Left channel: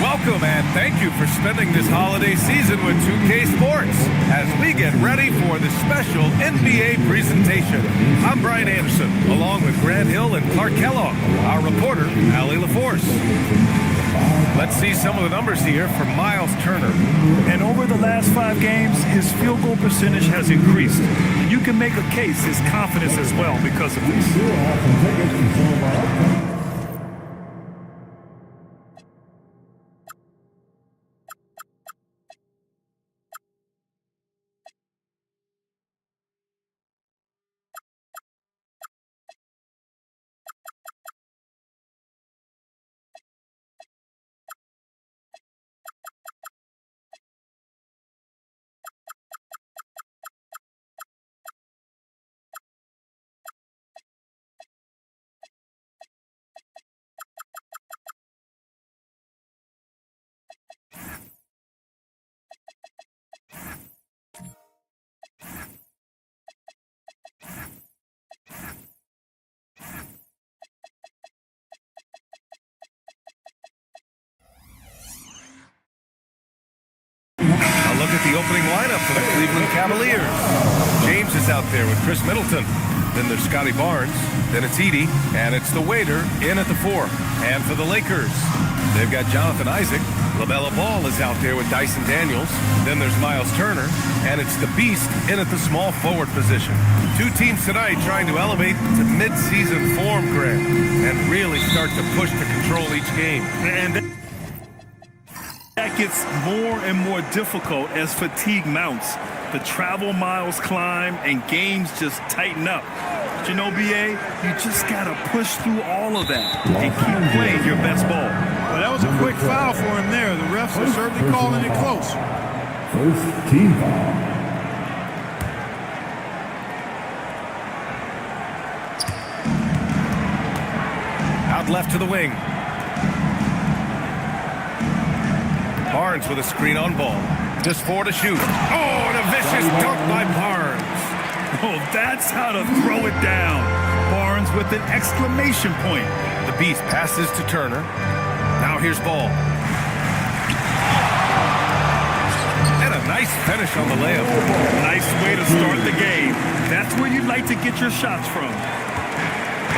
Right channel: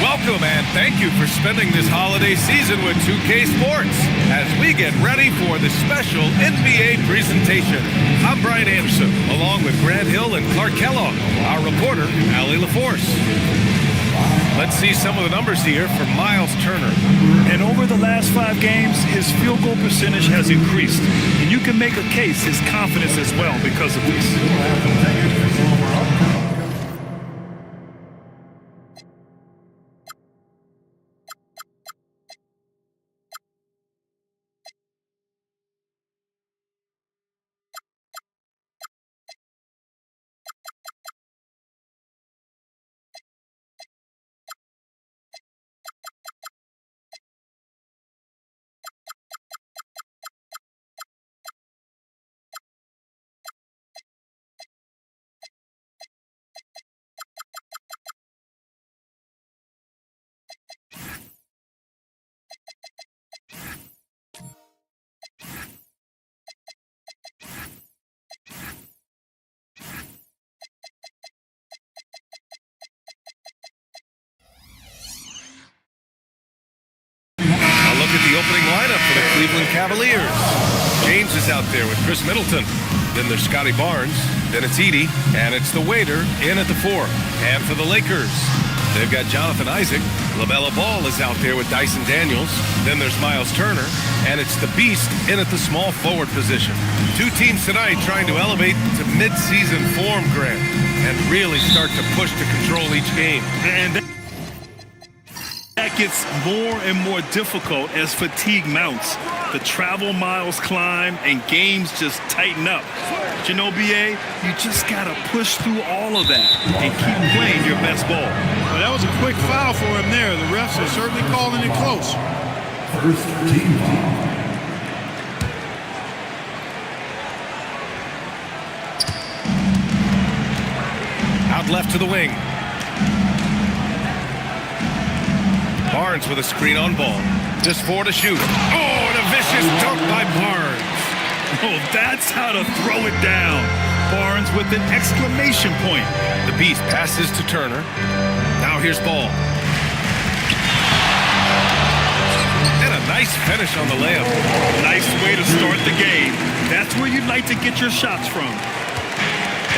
Welcome and thank you for spending this holiday season with 2K Sports as we get ready for the special NBA presentation. I'm Brian Anderson, along with Grant Hill and Clark Kellogg, our reporter, Allie LaForce. Let's see some of the numbers here for Miles Turner. And over the last 5 games, his field goal percentage has increased. And you can make a case his confidence as well because of this. A look at the opening lineup for the Cleveland Cavaliers. James is out there with Chris Middleton. Then there's Scotty Barnes. Then it's Edey. And it's the waiter in at the 4. And for the Lakers, they've got Jonathan Isaac. LaMelo Ball is out there with Dyson Daniels. Then there's Miles Turner. And it's the Beast in at the small forward position. 2 teams tonight trying to elevate to mid-season form, Grant, and really start to push to control each game. And that gets more and more difficult as fatigue mounts. The travel miles climb and games just tighten up. But you know, BA, you just got to push through all of that and keep playing your best ball. Well, that was a quick foul for him there. The refs are certainly calling it close. First team foul. Out left to the wing. Barnes with a screen on ball. Just 4 to shoot. Oh, and a vicious dunk by Barnes. Oh, that's how to throw it down. Barnes with an exclamation point. The Beast passes to Turner. Now here's Ball. And a nice finish on the layup. Nice way to start the game. That's where you'd like to get your shots from.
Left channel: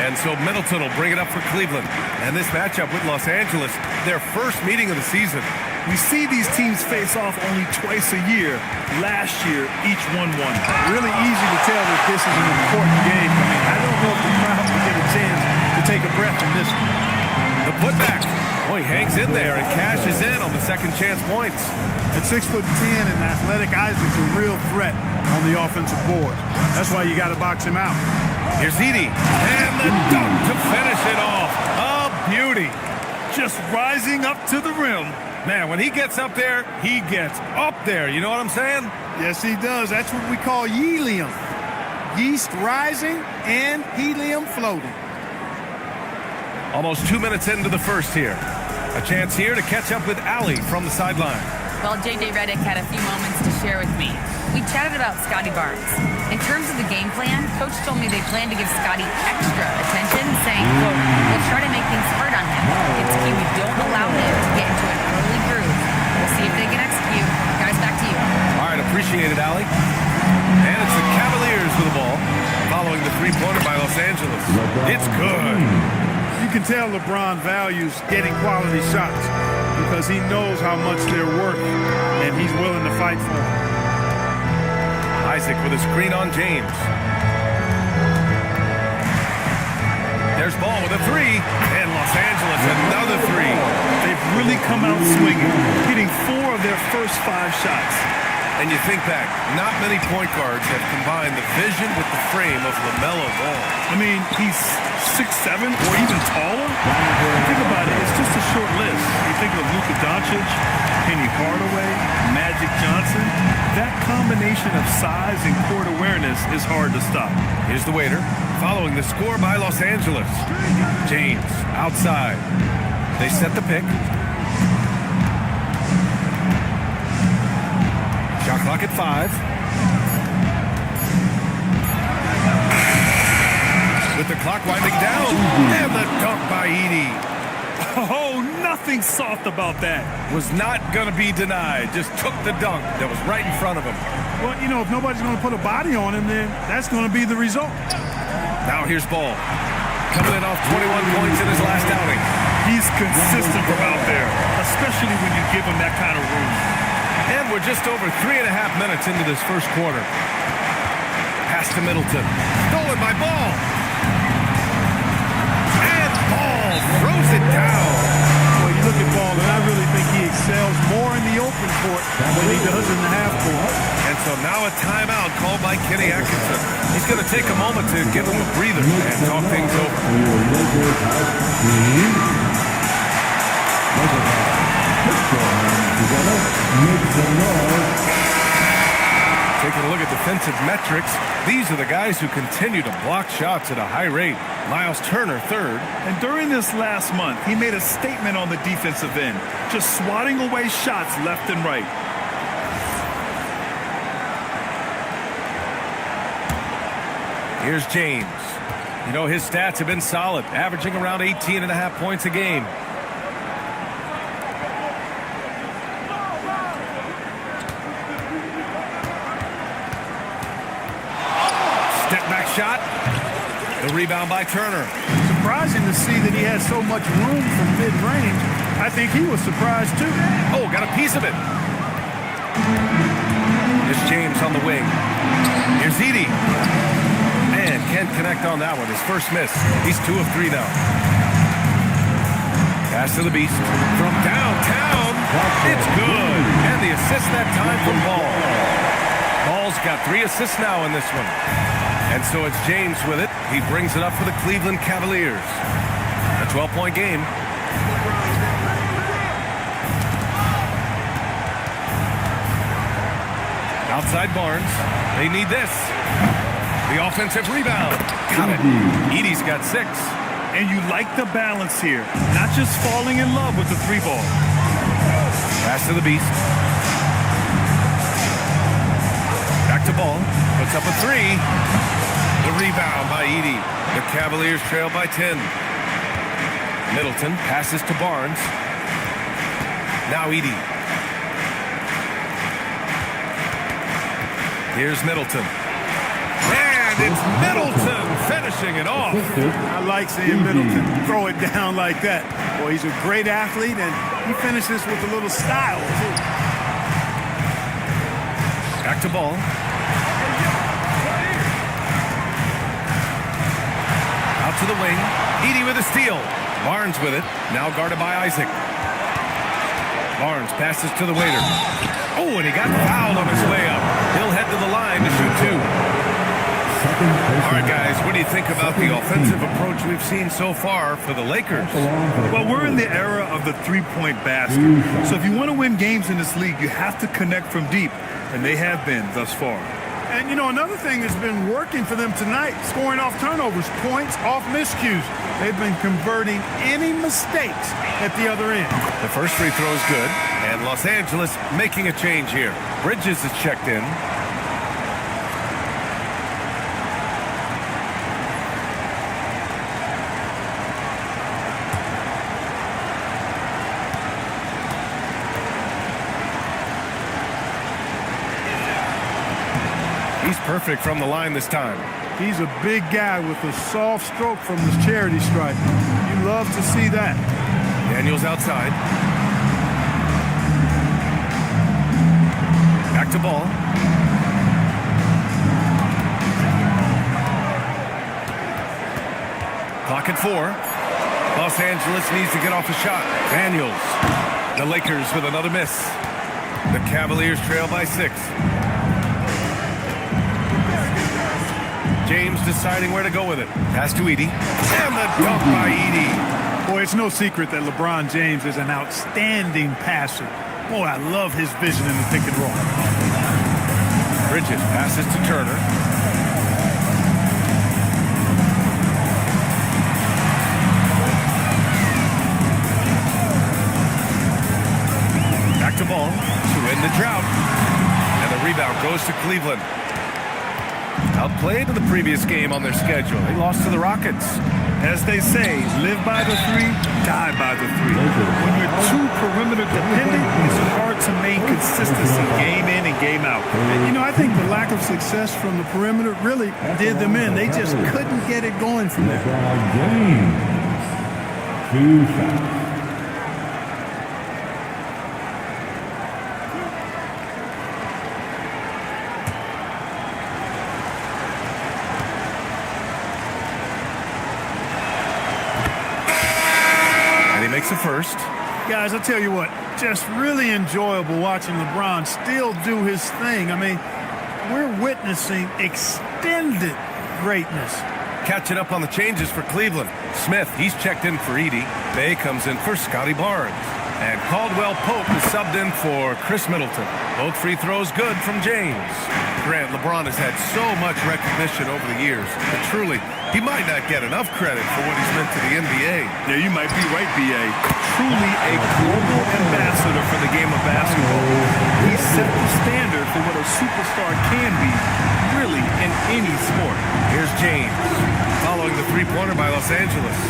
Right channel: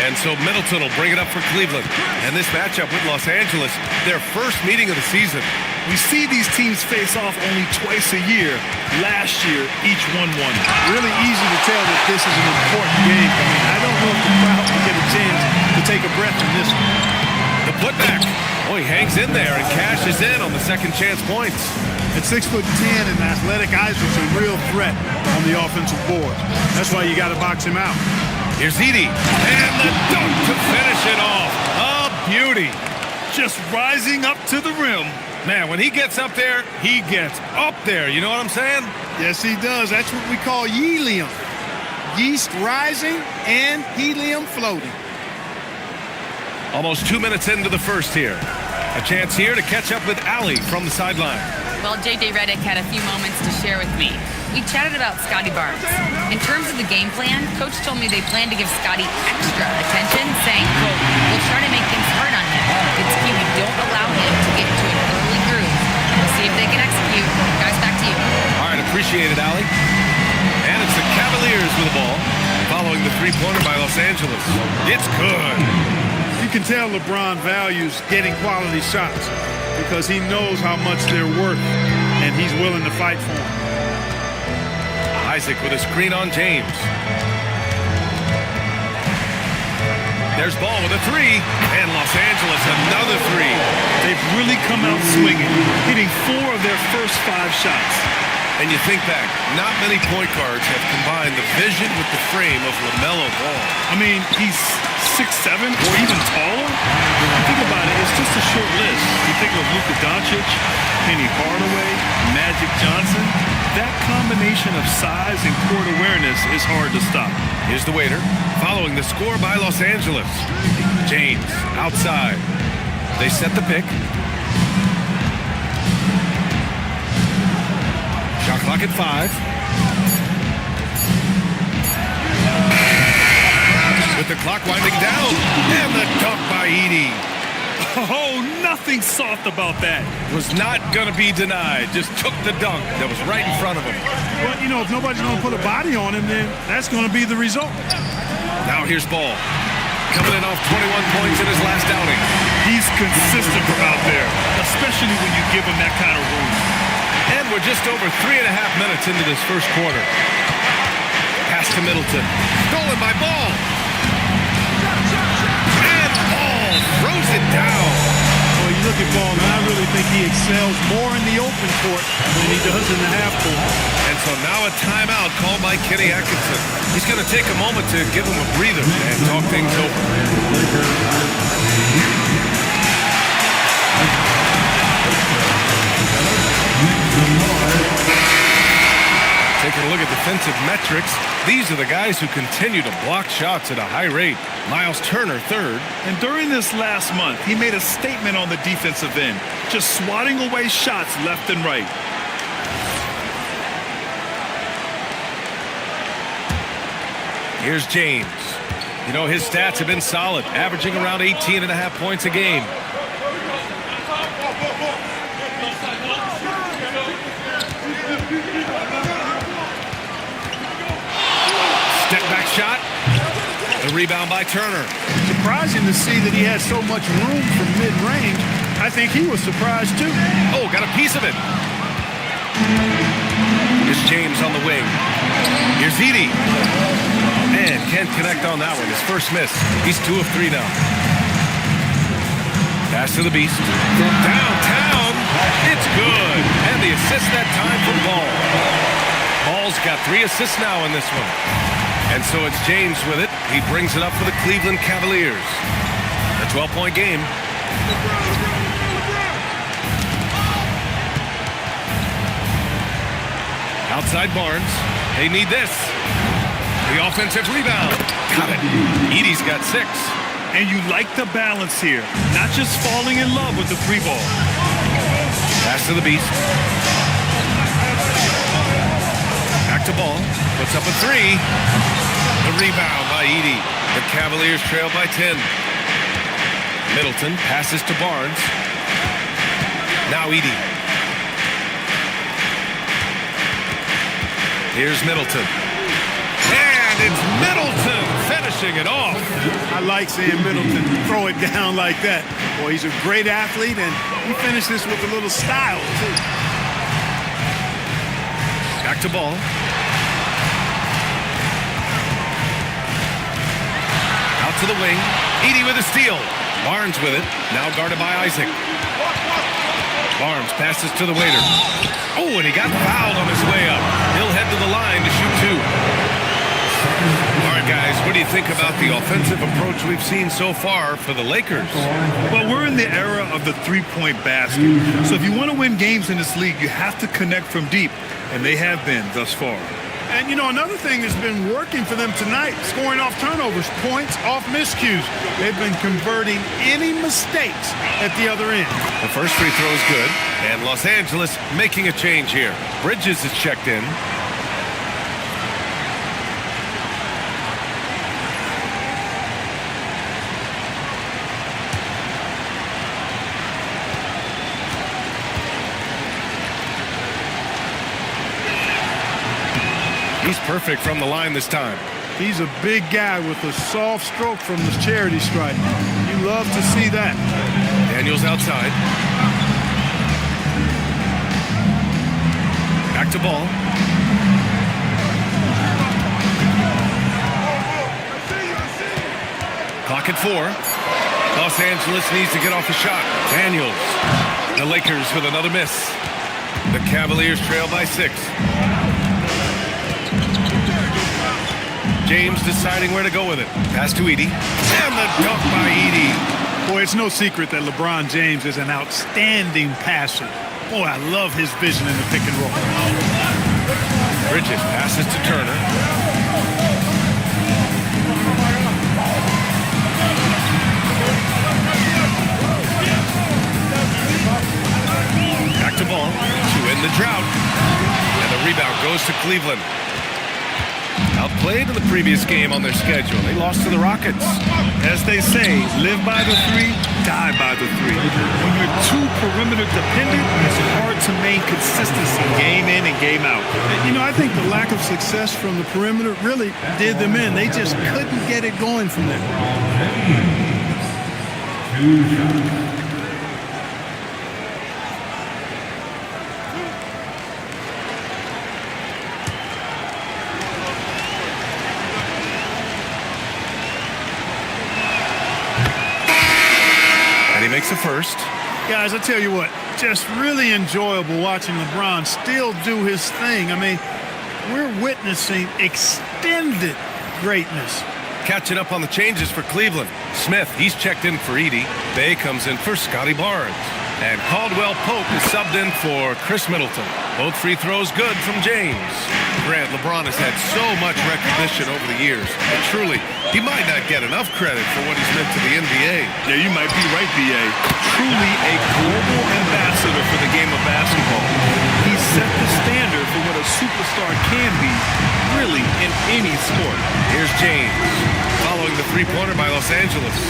And so Middleton will bring it up for Cleveland. And this matchup with Los Angeles, their first meeting of the season. We see these teams face off only twice a year. Last year, each won one. Really easy to tell that this is an important game. I mean, I don't know if the crowd will get a chance to take a breath in this one. The putback. Oh, he hangs in there and cashes in on the second chance points. At 6'10" and athletic, Isaac's a real threat on the offensive board. That's why you got to box him out. Here's Edey. And the dunk to finish it off. A beauty. Just rising up to the rim. Man, when he gets up there, he gets up there. You know what I'm saying? Yes, he does. That's what we call helium. Yeast rising and helium floating. Almost 2 minutes into the first here. A chance here to catch up with Allie from the sideline. Well, JJ Redick had a few moments to share with me. We chatted about Scotty Barnes. In terms of the game plan, Coach told me they plan to give Scotty extra attention, saying, quote, we'll try to make things hard on him. It's key we don't allow him to get into an early groove. We'll see if they can execute. Guys, back to you. All right, appreciate it, Allie. And it's the Cavaliers with the ball, following the three-pointer by Los Angeles. It's good. You can tell LeBron values getting quality shots because he knows how much they're worth, and he's willing to fight for them. Isaac with a screen on James. There's Ball with a 3, and Los Angeles another 3. They've really come out swinging, hitting 4 of their first 5 shots. And you think back, not many point guards have combined the vision with the frame of LaMelo Ball. I mean, he's 6'7" or even taller. Think about it, it's just a short list. You think of Luka Doncic, Penny Hardaway, Magic Johnson. That combination of size and court awareness is hard to stop. Here's the waiter, following the score by Los Angeles. James, outside. They set the pick. Shot clock at 5. With the clock winding down. And the dunk by Edey. Oh, nothing soft about that. Was not going to be denied. Just took the dunk that was right in front of him. Well, you know, if nobody's going to put a body on him, then that's going to be the result. Now here's Ball. Coming in off 21 points in his last outing. He's consistent from out there, especially when you give him that kind of room. And we're just over 3.5 minutes into this first quarter. Pass to Middleton. Stolen by Ball. And Ball throws it down. Well, you look at Ball, and I really think he excels more in the open court than he does in the half court. And so now a timeout called by Kenny Atkinson. He's going to take a moment to give him a breather and talk things over. Taking a look at defensive metrics, these are the guys who continue to block shots at a high rate. Miles Turner, third. And during this last month, he made a statement on the defensive end, just swatting away shots left and right. Here's James. You know, his stats have been solid, averaging around 18.5 points a game. Step back shot. The rebound by Turner. Surprising to see that he had so much room from mid-range. I think he was surprised too. Oh, got a piece of it. Here's James on the wing. Here's Edey. Man, can't connect on that one. His first miss. He's 2 of 3 now. Pass to the Beast. From downtown, it's good. And the assist that time from Ball. Ball's got 3 assists now in this one. And so it's James with it. He brings it up for the Cleveland Cavaliers. A 12-point game. Outside Barnes. They need this. The offensive rebound. Got it. Edey's got 6. And you like the balance here. Not just falling in love with the 3-ball. Pass to the Beast. Back to Ball. Puts up a 3. The rebound by Edey. The Cavaliers trail by 10. Middleton passes to Barnes. Now Edey. Here's Middleton. And it's Middleton finishing it off. I like seeing Middleton throw it down like that. Boy, he's a great athlete, and he finished this with a little style, too. Back to Ball. Out to the wing. Edey with a steal. Barnes with it. Now guarded by Isaac. Barnes passes to the waiter. Oh, and he got fouled on his way up. He'll head to the line to shoot 2. All right, guys, what do you think about the offensive approach we've seen so far for the Lakers? Well, we're in the era of the 3-point basket. So if you want to win games in this league, you have to connect from deep, and they have been thus far. And, you know, another thing that's been working for them tonight, scoring off turnovers, points off miscues. They've been converting any mistakes at the other end. The first free throw is good, and Los Angeles making a change here. Bridges is checked in. He's perfect from the line this time. He's a big guy with a soft stroke from the charity stripe. You love to see that. Daniels outside. Back to Ball. Clock at 4. Los Angeles needs to get off a shot. Daniels. The Lakers with another miss. The Cavaliers trail by 6. James deciding where to go with it. Pass to Edie. And the dunk by Edie. Boy, it's no secret that LeBron James is an outstanding passer. Boy, I love his vision in the pick and roll. Bridges passes to Turner. Back to Ball to end the drought. And the rebound goes to Cleveland. Outplayed in the previous game on their schedule. They lost to the Rockets. As they say, live by the 3, die by the 3. When you're too perimeter dependent, it's hard to maintain consistency game in and game out. And, you know, I think the lack of success from the perimeter really did them in. They just couldn't get it going from there. James. 2 shots. And he makes the first. Guys, I tell you what, just really enjoyable watching LeBron still do his thing. I mean, we're witnessing extended greatness. Catching up on the changes for Cleveland. Smith, he's checked in for Edie. Bay comes in for Scotty Barnes. And Caldwell Pope is subbed in for Chris Middleton. Both free throws good from James. Grant, LeBron has had so much recognition over the years, but truly, he might not get enough credit for what he's meant to the NBA. Yeah, you might be right, B.A. Truly a global ambassador for the game of basketball. He set the standard for what a superstar can be, really, in any sport. Here's James, following the three-pointer by Los Angeles.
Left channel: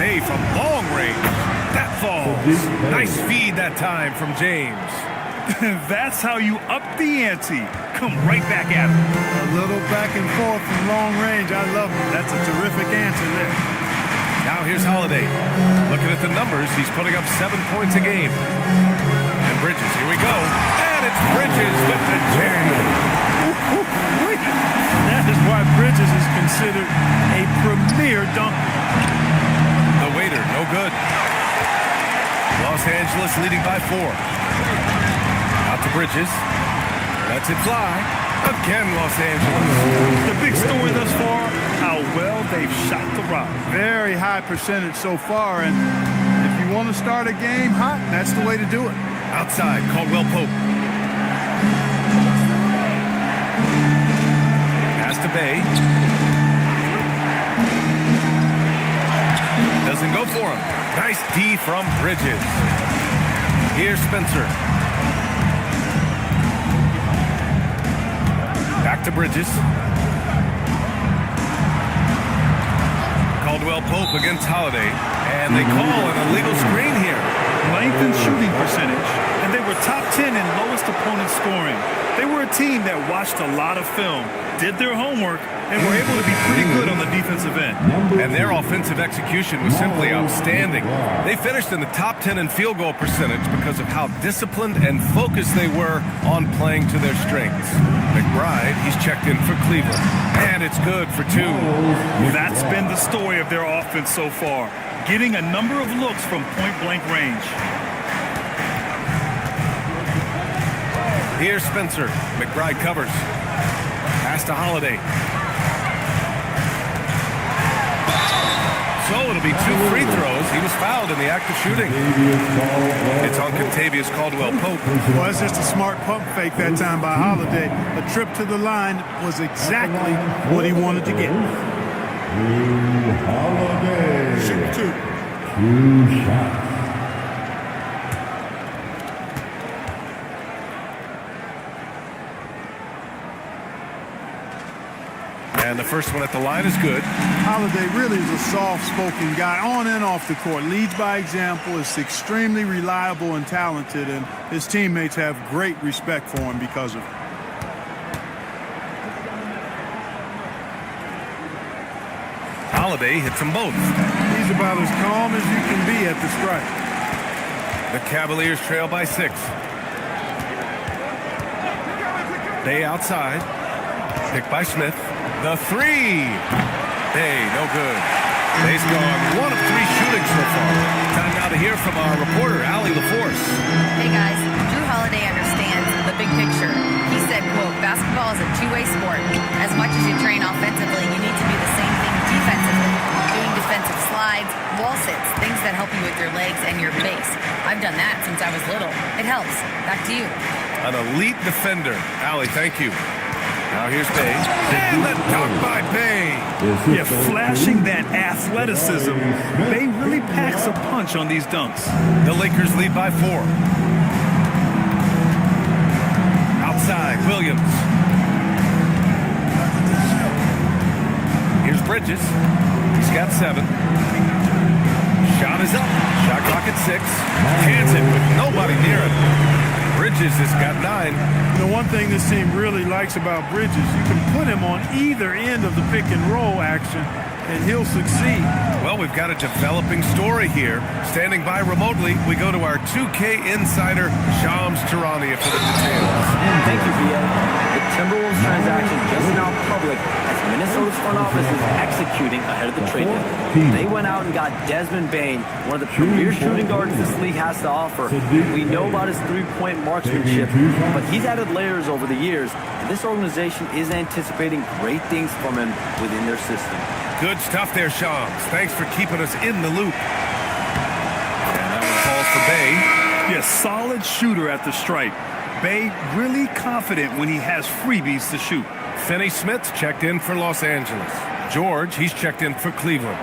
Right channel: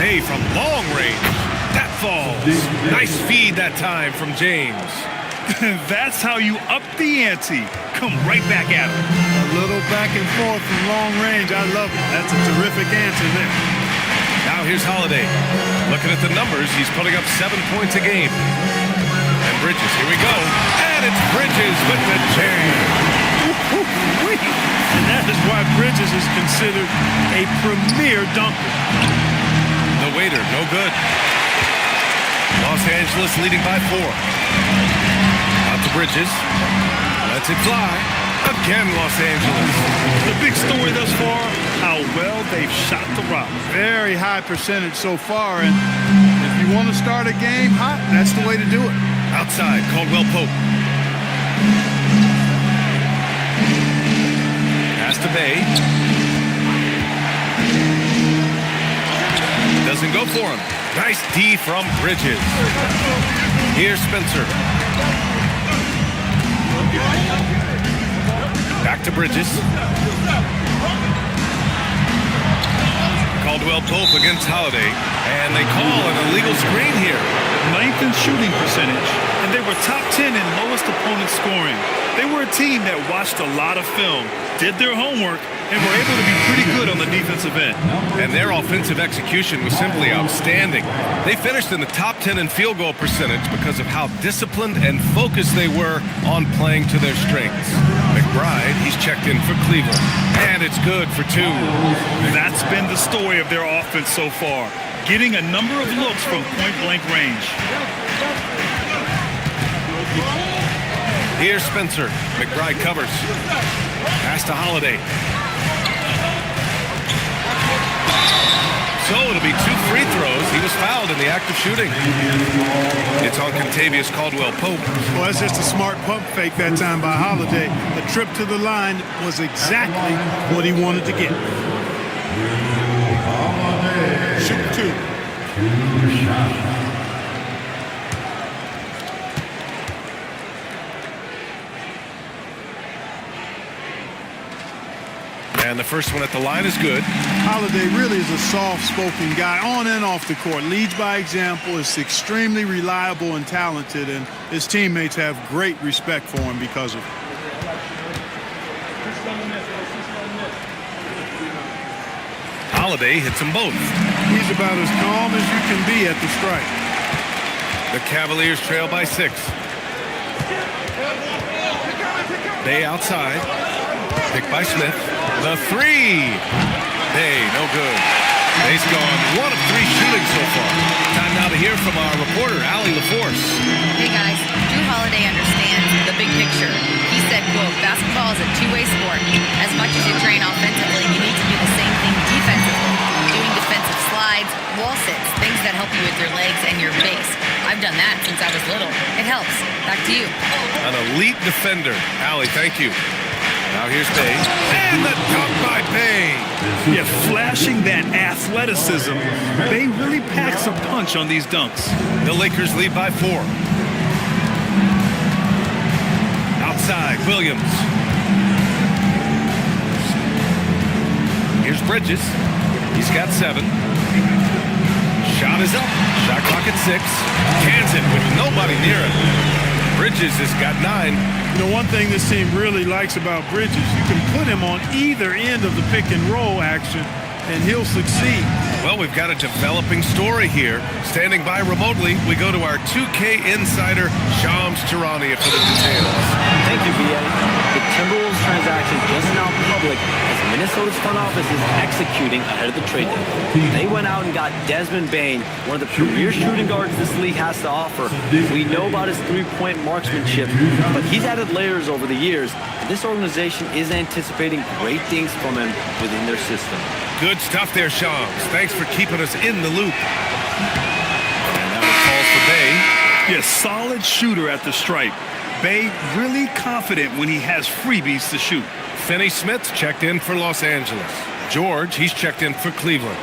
Bay from long range. That falls. Nice feed that time from James. That's how you up the ante. Come right back at him. A little back and forth from long range. I love it. That's a terrific answer there. Now here's Holiday. Looking at the numbers, he's putting up 7 points a game. And Bridges, here we go. And it's Bridges with the jam. And that is why Bridges is considered a premier dunker. The waiter, no good. Los Angeles leading by 4. Out to Bridges. Lets it fly. Again, Los Angeles. The big story thus far, how well they've shot the rock. Very high percentage so far, and if you want to start a game hot, that's the way to do it. Outside, Caldwell Pope. Pass to Bay. Doesn't go for him. Nice D from Bridges. Here's Spencer. Back to Bridges. Caldwell Pope against Holiday. And they call an illegal screen here. 9th in shooting percentage, and they were top 10 in lowest opponent scoring. They were a team that watched a lot of film, did their homework, and were able to be pretty good on the defensive end. And their offensive execution was simply outstanding. They finished in the top 10 in field goal percentage because of how disciplined and focused they were on playing to their strengths. McBride, he's checked in for Cleveland. And it's good for 2. That's been the story of their offense so far, getting a number of looks from point-blank range. Here's Spencer. McBride covers. Pass to Holiday. So it'll be 2 free throws. He was fouled in the act of shooting. It's on Contavious Caldwell Pope. Well, that's just a smart pump fake that time by Holiday. A trip to the line was exactly what he wanted to get. Holiday. Shoot 2. 2 shots. And the first one at the line is good. Holiday really is a soft-spoken guy on and off the court. Leads by example, is extremely reliable and talented, and his teammates have great respect for him because of it. Holiday hits them both. He's about as calm as you can be at the strike. The Cavaliers trail by 6. Bay outside. Picked by Smith. The 3. Bay, no good. They've gone 1 of 3 shooting so far. Time now to hear from our reporter, Allie LaForce. Hey guys, Drew Holiday understands the big picture. He said, quote, basketball is a two-way sport. As much as you train offensively, you need to do the same thing defensively. Doing defensive slides, wall sits, things that help you with your legs and your base. I've done that since I was little. It helps. Back to you. An elite defender. Allie, thank you. Now here's Bay. And the dunk by Bay. Yeah, flashing that athleticism. Bay really packs a punch on these dunks. The Lakers lead by 4. Outside, Williams. Here's Bridges. He's got 7. Shot is up. Shot clock at 6. Cans it with nobody near it. Bridges has got 9. You know, one thing this team really likes about Bridges, you can put him on either end of the pick and roll action, and he'll succeed. Well, we've got a developing story here. Standing by remotely, we go to our 2K insider, Shams Charania, for the details. Thank you, BA. The Timberwolves transaction just now public as Minnesota's front office is executing ahead of the trade deadline. They went out and got Desmond Bane, one of the premier shooting guards this league has to offer. We know about his three-point marksmanship, but he's added layers over the years, and this organization is anticipating great things from him within their system. Good stuff there, Shams. Thanks for keeping us in the loop. And that one falls for Bay. Yeah, solid shooter at the stripe. Bay really confident when he has freebies to shoot. Finney Smith's checked in for Los Angeles. George, he's checked in for Cleveland.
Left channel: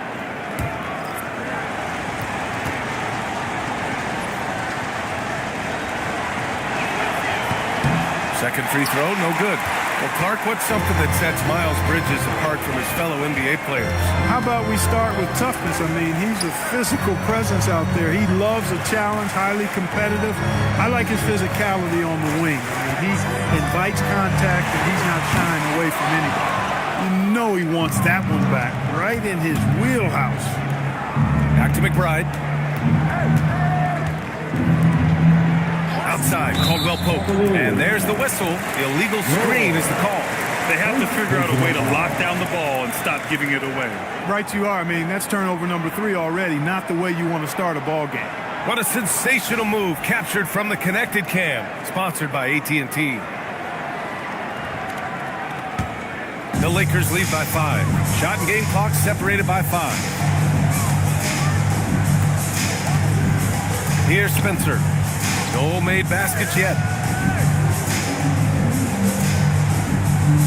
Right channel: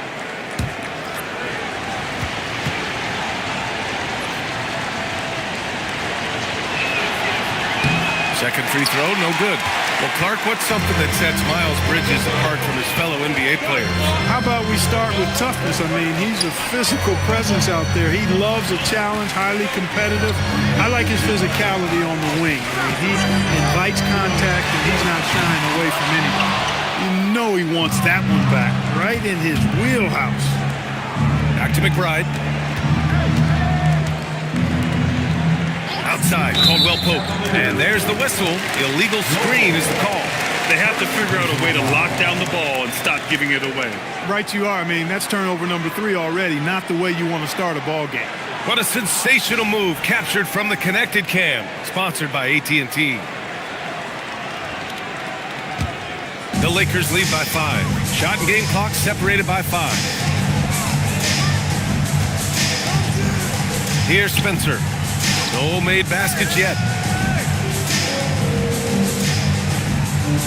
Second free throw, no good. Well, Clark, what's something that sets Miles Bridges apart from his fellow NBA players? How about we start with toughness? I mean, he's a physical presence out there. He loves a challenge, highly competitive. I like his physicality on the wing. I mean, he invites contact, and he's not shying away from anybody. You know he wants that one back, right in his wheelhouse. Back to McBride. Outside, Caldwell Pope. And there's the whistle. Illegal screen is the call. They have to figure out a way to lock down the ball and stop giving it away. Right you are. I mean, that's turnover number 3 already, not the way you want to start a ball game. What a sensational move captured from the Connected Cam, sponsored by AT&T. The Lakers lead by 5. Shot and game clock separated by 5. Here's Spencer. No made baskets yet.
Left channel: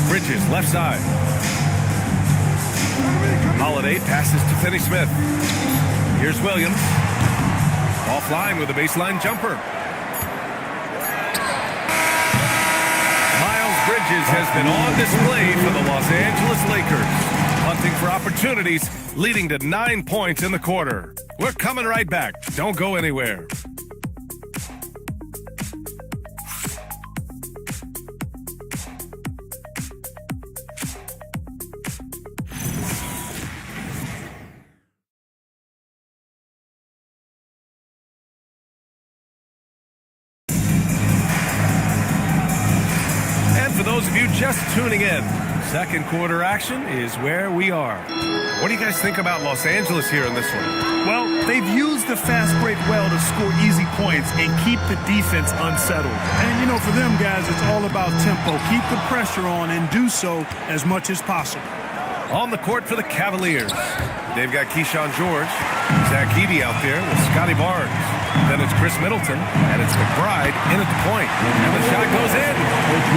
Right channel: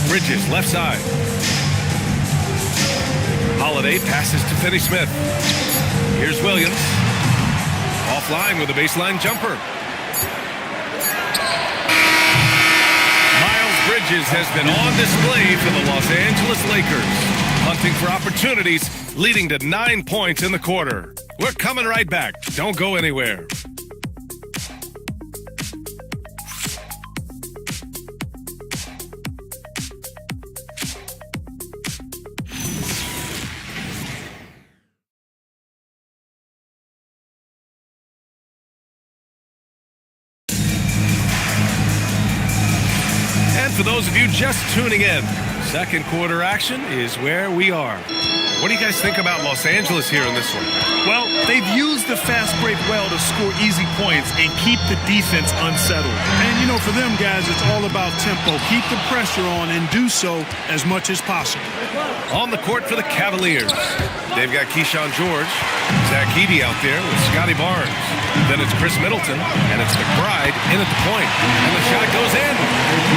Bridges, left side. Holiday passes to Finney Smith. Here's Williams. Offline with a baseline jumper. Miles Bridges has been on display for the Los Angeles Lakers, hunting for opportunities, leading to 9 points in the quarter. We're coming right back. Don't go anywhere. And for those of you just tuning in, second quarter action is where we are. What do you guys think about Los Angeles here in this one? Well, they've used the fast break well to score easy points and keep the defense unsettled. And, you know, for them guys, it's all about tempo. Keep the pressure on and do so as much as possible. On the court for the Cavaliers, they've got Keyshawn George, Zach Edey out there with Scotty Barnes. Then it's Chris Middleton, and it's McBride in at the point. And the shot goes in.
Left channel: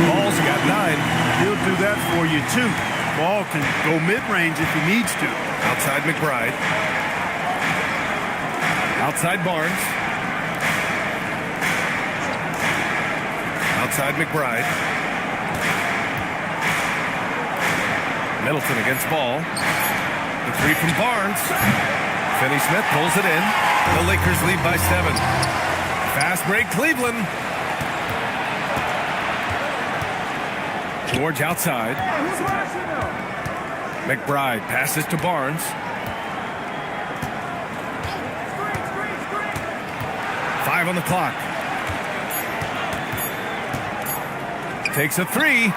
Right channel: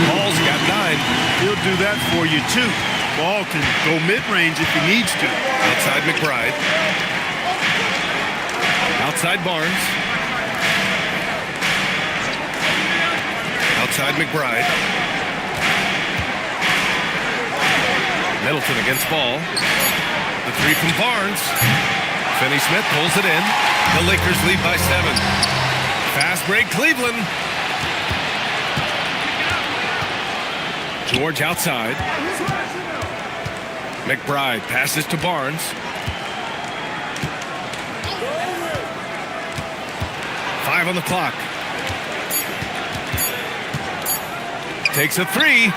Ball's got 9. He'll do that for you, too. Ball can go mid-range if he needs to. Outside McBride. Outside Barnes. Outside McBride. Middleton against Ball. The 3 from Barnes. Finney Smith pulls it in. The Lakers lead by 7. Fast break, Cleveland. George outside. McBride passes to Barnes. Five on the clock. Takes a 3.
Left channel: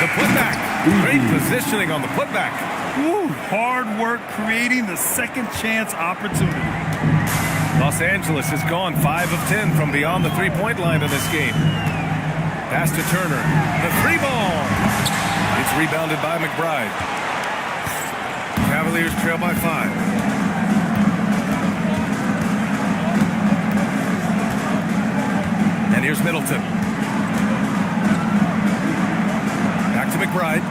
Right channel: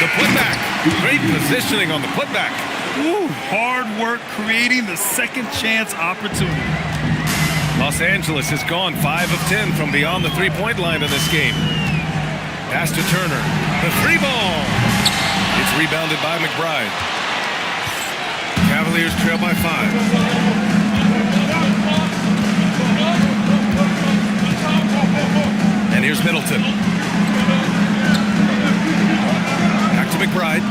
The putback. Great positioning on the putback. Woo, hard work creating the second chance opportunity. Los Angeles has gone 5 of 10 from beyond the three-point line in this game. Pass to Turner. The three ball. It's rebounded by McBride. Cavaliers trail by 5. And here's Middleton. Back to McBride.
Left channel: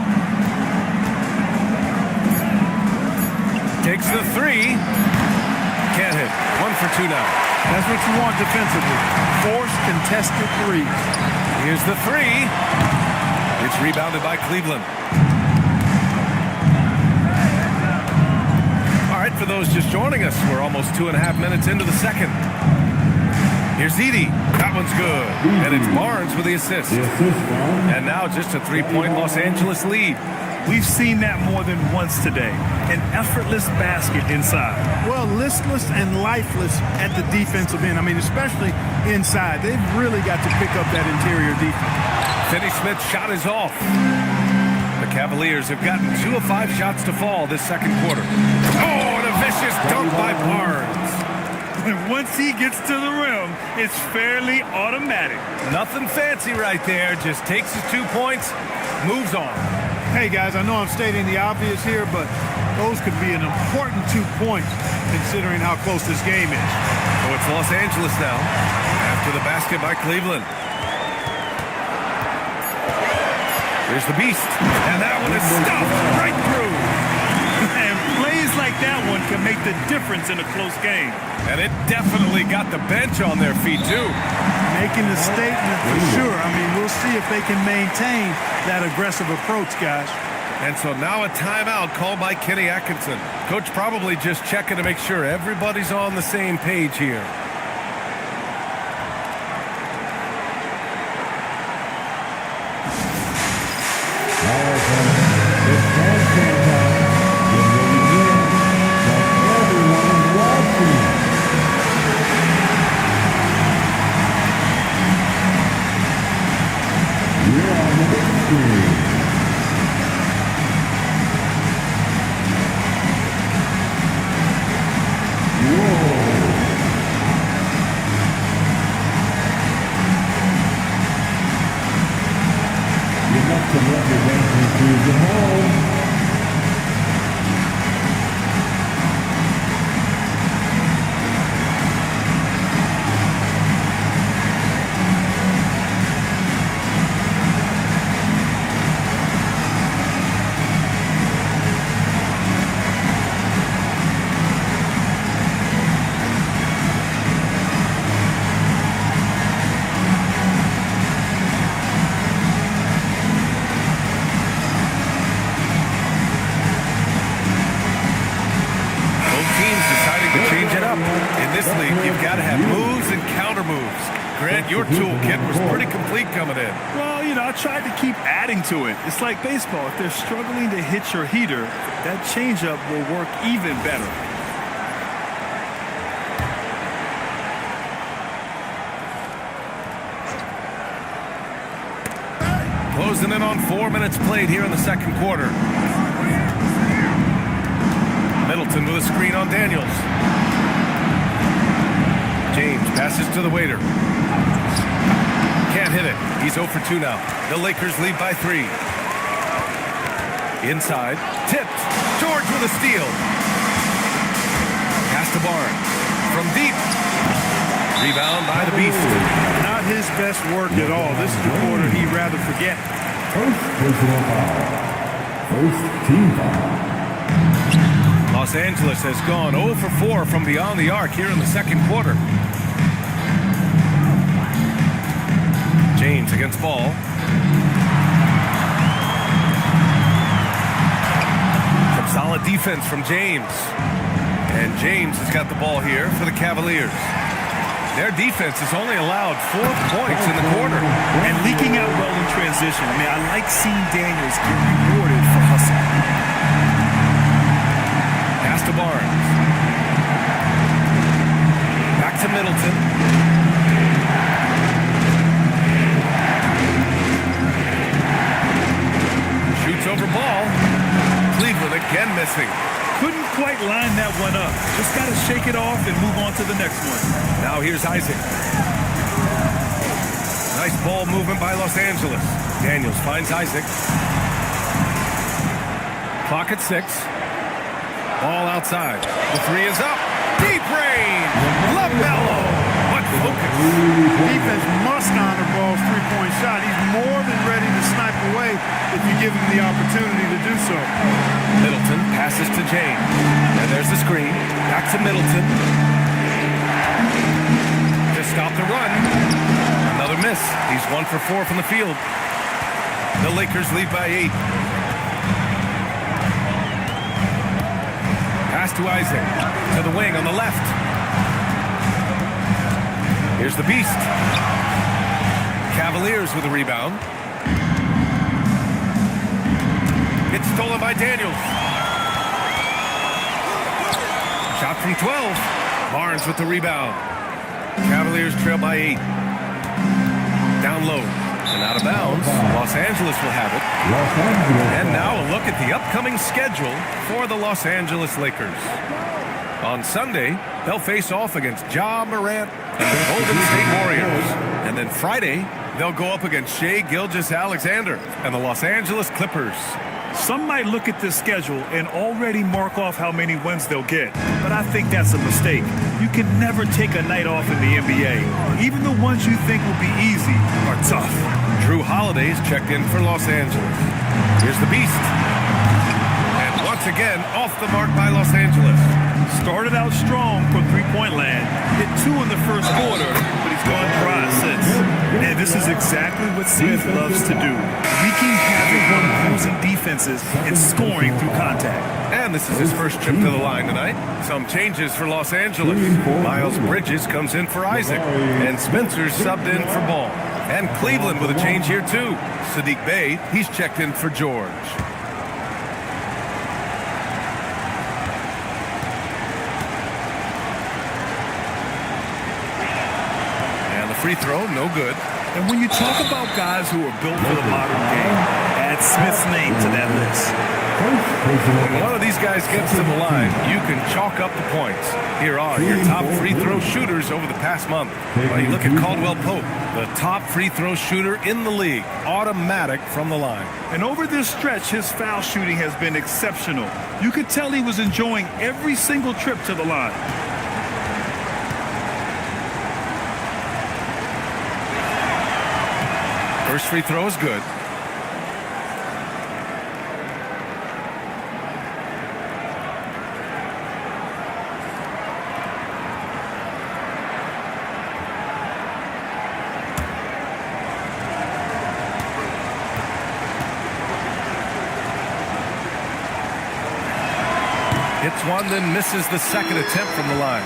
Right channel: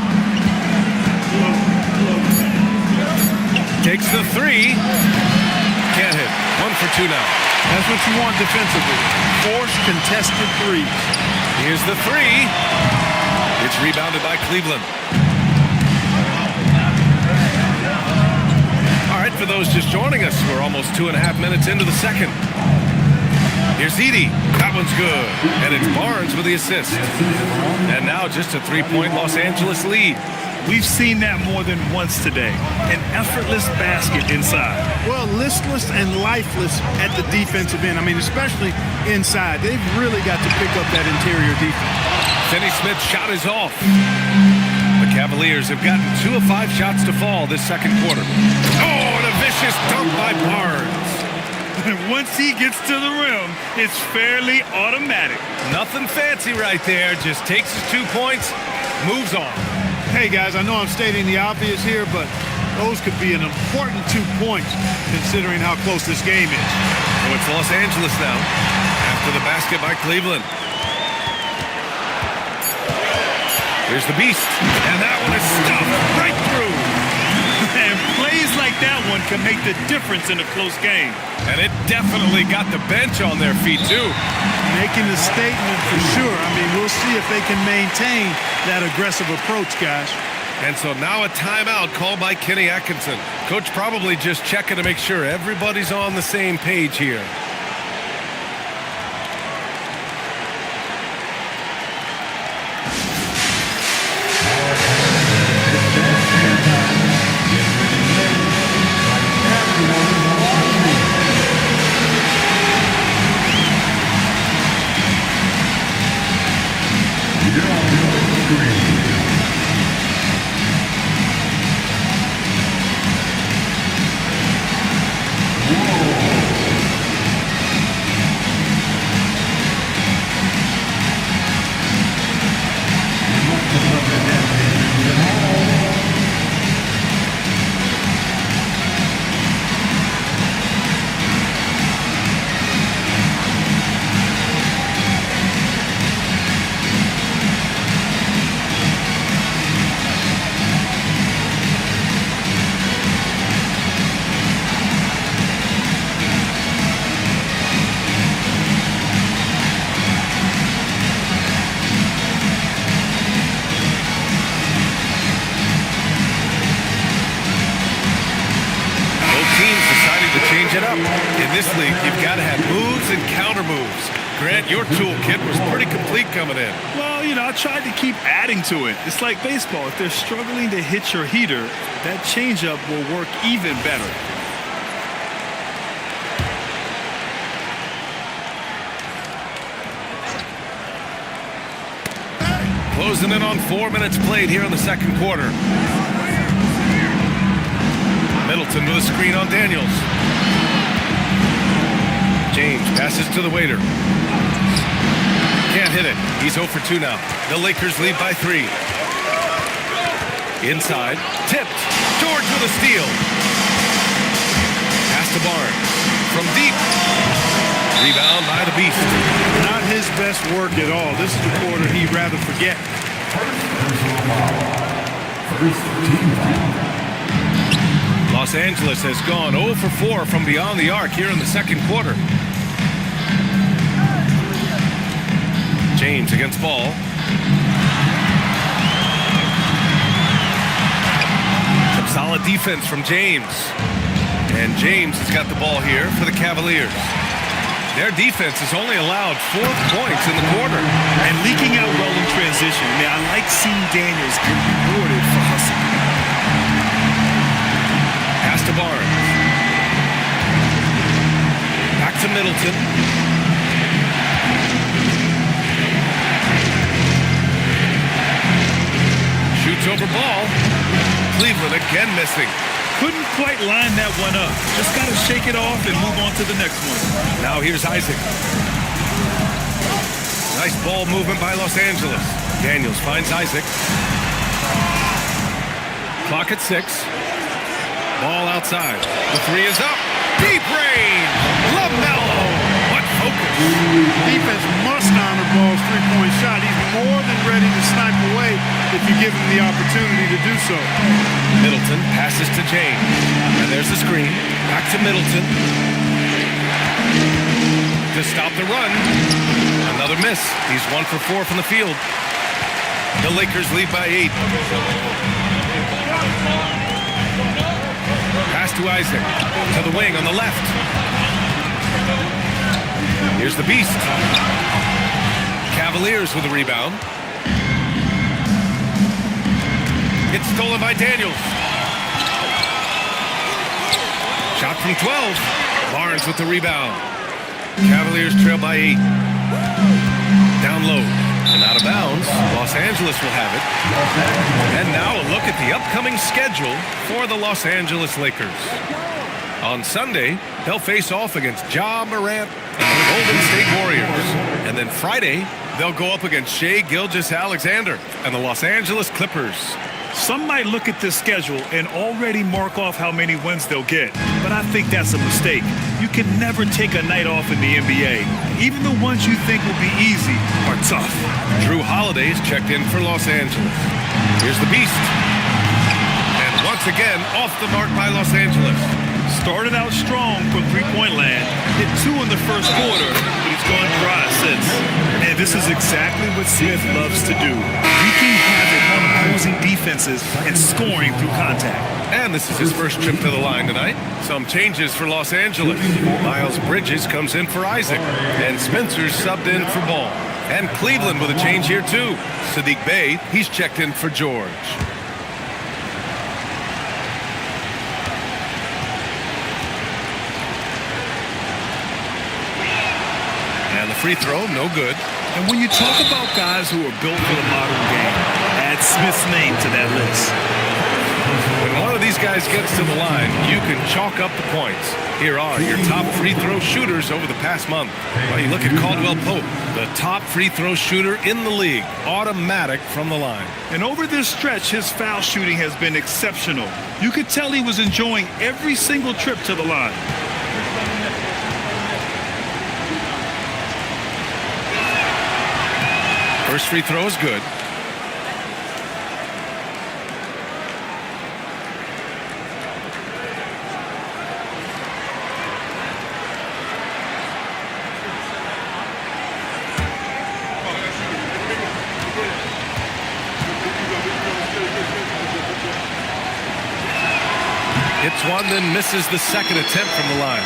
Takes the three. Can't hit. 1 for 2 now. That's what you want defensively. Force contested threes. Here's the three. It's rebounded by Cleveland. All right, for those just joining us, we're almost 2.5 minutes into the second. Here's Edey. That one's good. And it's Barnes with the assist. And now just a three-point Los Angeles lead. We've seen that more than once today. An effortless basket inside. Well, listless and lifeless at the defensive end. I mean, especially inside. They've really got to pick up that interior defense. Finney-Smith's shot is off. The Cavaliers have gotten 2 of 5 shots to fall this second quarter. Oh, and a vicious dunk by Barnes. And once he gets to the rim, it's fairly automatic. Nothing fancy right there. Just takes his 2 points, moves on. Hey, guys, I know I'm stating the obvious here, but those could be an important 2 points considering how close this game is. So it's Los Angeles now after the basket by Cleveland. Here's the beast, and that one is stuffed right through. And plays like that one can make the difference in a close game. And it definitely got the bench on their feet, too. Making a statement for sure. I mean, we'll see if they can maintain that aggressive approach, guys. And so now a timeout called by Kenny Atkinson. Coach probably just checking to make sure everybody's on the same page here. You're on the screen. Whoa. You must have left your dancing shoes at home. Teams deciding to change it up. In this league, you've got to have moves and counter moves. Grant, your toolkit was pretty complete coming in. Well, you know, I tried to keep adding to it. It's like baseball. If they're struggling to hit your heater, that changeup will work even better. Closing in on 4 minutes played here in the second quarter. Middleton with a screen on Daniels. James passes to the waiter. Can't hit it. He's 0 for 2 now. The Lakers lead by 3. Inside. Tipped. George with a steal. Pass to Barnes. From deep. Rebound by the Beast. Not his best work at all. This is the quarter he'd rather forget. First personal foul. First team foul. Los Angeles has gone 0 for 4 from beyond the arc here in the second quarter. James against Ball. Some solid defense from James. And James has got the ball here for the Cavaliers. Their defense has only allowed 4 points in the quarter. And leaking out well in transition. I mean, I like seeing Daniels get rewarded for hustling. Pass to Barnes. Back to Middleton. Shoots over Ball. Cleveland again missing. Couldn't quite line that one up. Just got to shake it off and move on to the next one. Now here's Isaac. Nice ball movement by Los Angeles. Daniels finds Isaac. Clock at 6. Ball outside. The 3 is up. Deep range. LaMelo. What focus. Defense must honor Ball's three-point shot. He's more than ready to snipe away if you give him the opportunity to do so. Middleton passes to James. And there's the screen. Back to Middleton. To stop the run. Another miss. He's 1 for 4 from the field. The Lakers lead by 8. Pass to Isaac. To the wing on the left. Here's the Beast. Cavaliers with a rebound. It's stolen by Daniels. Shot from 12. Barnes with the rebound. Cavaliers trail by 8. Down low and out of bounds. Los Angeles will have it. And now a look at the upcoming schedule for the Los Angeles Lakers. On Sunday, they'll face off against Ja Morant and the Golden State Warriors. And then Friday, they'll go up against Shai Gilgeous-Alexander and the Los Angeles Clippers. Some might look at this schedule and already mark off how many wins they'll get, but I think that's a mistake. You can never take a night off in the NBA. Even the ones you think will be easy are tough. Drew Holiday's checked in for Los Angeles. Here's the Beast. And once again, off the mark by Los Angeles. Started out strong from three-point land, hit 2 in the first quarter, but he's gone dry since. And this is exactly what Smith loves to do, wreaking havoc on opposing defenses and scoring through contact. And this is his first trip to the line tonight. Some changes for Los Angeles. Miles Bridges comes in for Isaac, and Spencer's subbed in for Ball. And Cleveland with a change here too. Sadiq Bey, he's checked in for George. And the free throw, no good. And when you talk about guys who are built for the modern game, add Smith's name to that list. When one of these guys gets to the line, you can chalk up the points. Here are your top free throw shooters over the past month. Well, you look at Caldwell Pope, the top free throw shooter in the league, automatic from the line. And over this stretch, his foul shooting has been exceptional. You could tell he was enjoying every single trip to the line. First free throw is good. Hits one, then misses the second attempt from the line.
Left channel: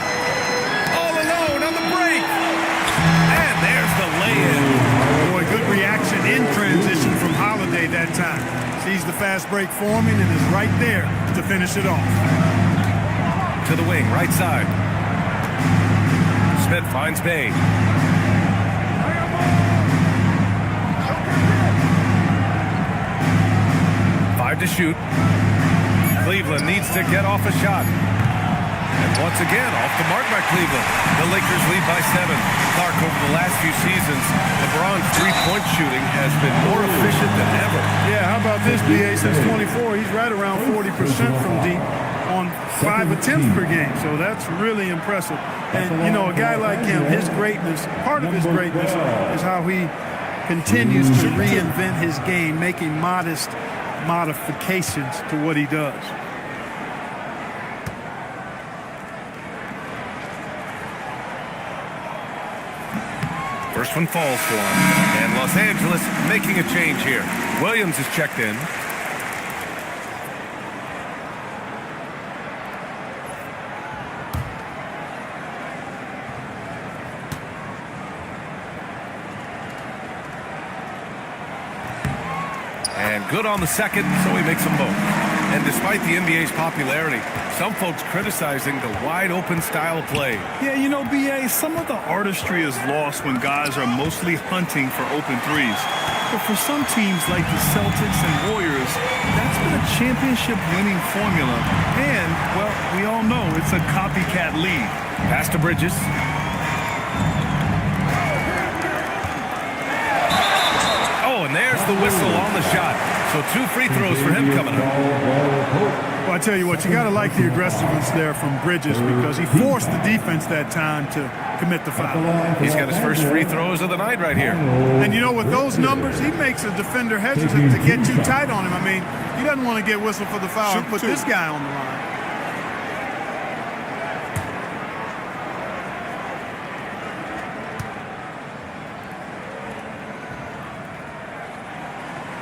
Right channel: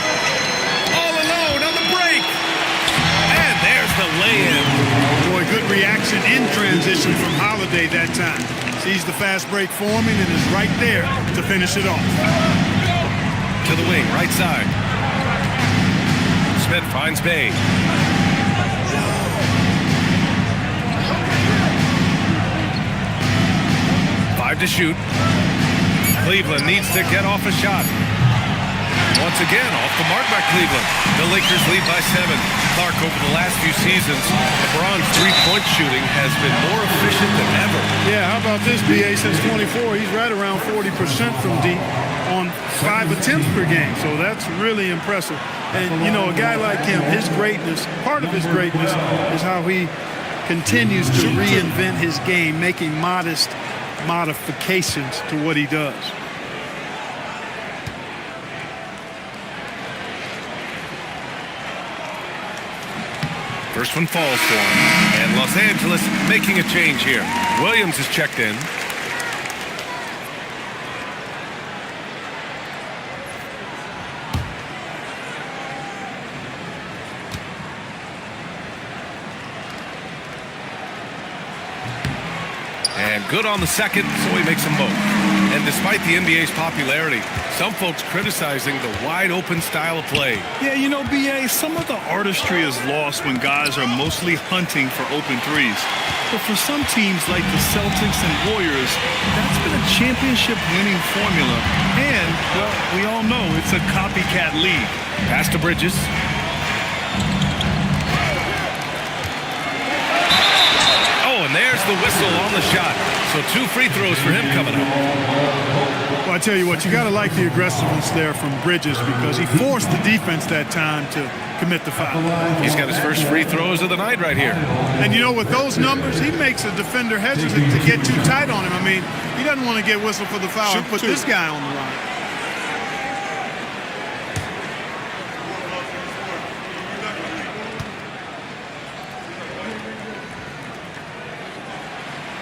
All alone on the break. And there's the lay-in. Boy, good reaction in transition from Holiday that time. Sees the fast break forming and is right there to finish it off. To the wing, right side. Smith finds Bey. Five to shoot. Cleveland needs to get off a shot. And once again, off the mark by Cleveland. The Lakers lead by 7. Clark, over the last few seasons, LeBron's three-point shooting has been more efficient than ever. Yeah, how about this, B.A.? Since 24, he's right around 40% from deep on 5 attempts per game. So that's really impressive. And, you know, a guy like him, his greatness, part of his greatness is how he continues to reinvent his game, making modest modifications to what he does. First one falls for him. And Los Angeles making a change here. Williams is checked in. And good on the second, so he makes them both. And despite the NBA's popularity, some folks criticizing the wide-open style of play. Yeah, you know, B.A., some of the artistry is lost when guys are mostly hunting for open threes. But for some teams like the Celtics and Warriors, that's been a championship-winning formula. And, well, we all know it's a copycat league. Pass to Bridges. Oh, and there's the whistle on the shot. So 2 free throws for him coming up. Well, I tell you what, you got to like the aggressiveness there from Bridges because he forced the defense that time to commit the foul. He's got his first free throws of the night right here. And you know, with those numbers, he makes a defender hesitant to get too tight on him. I mean, he doesn't want to get whistled for the foul and put this guy on the line.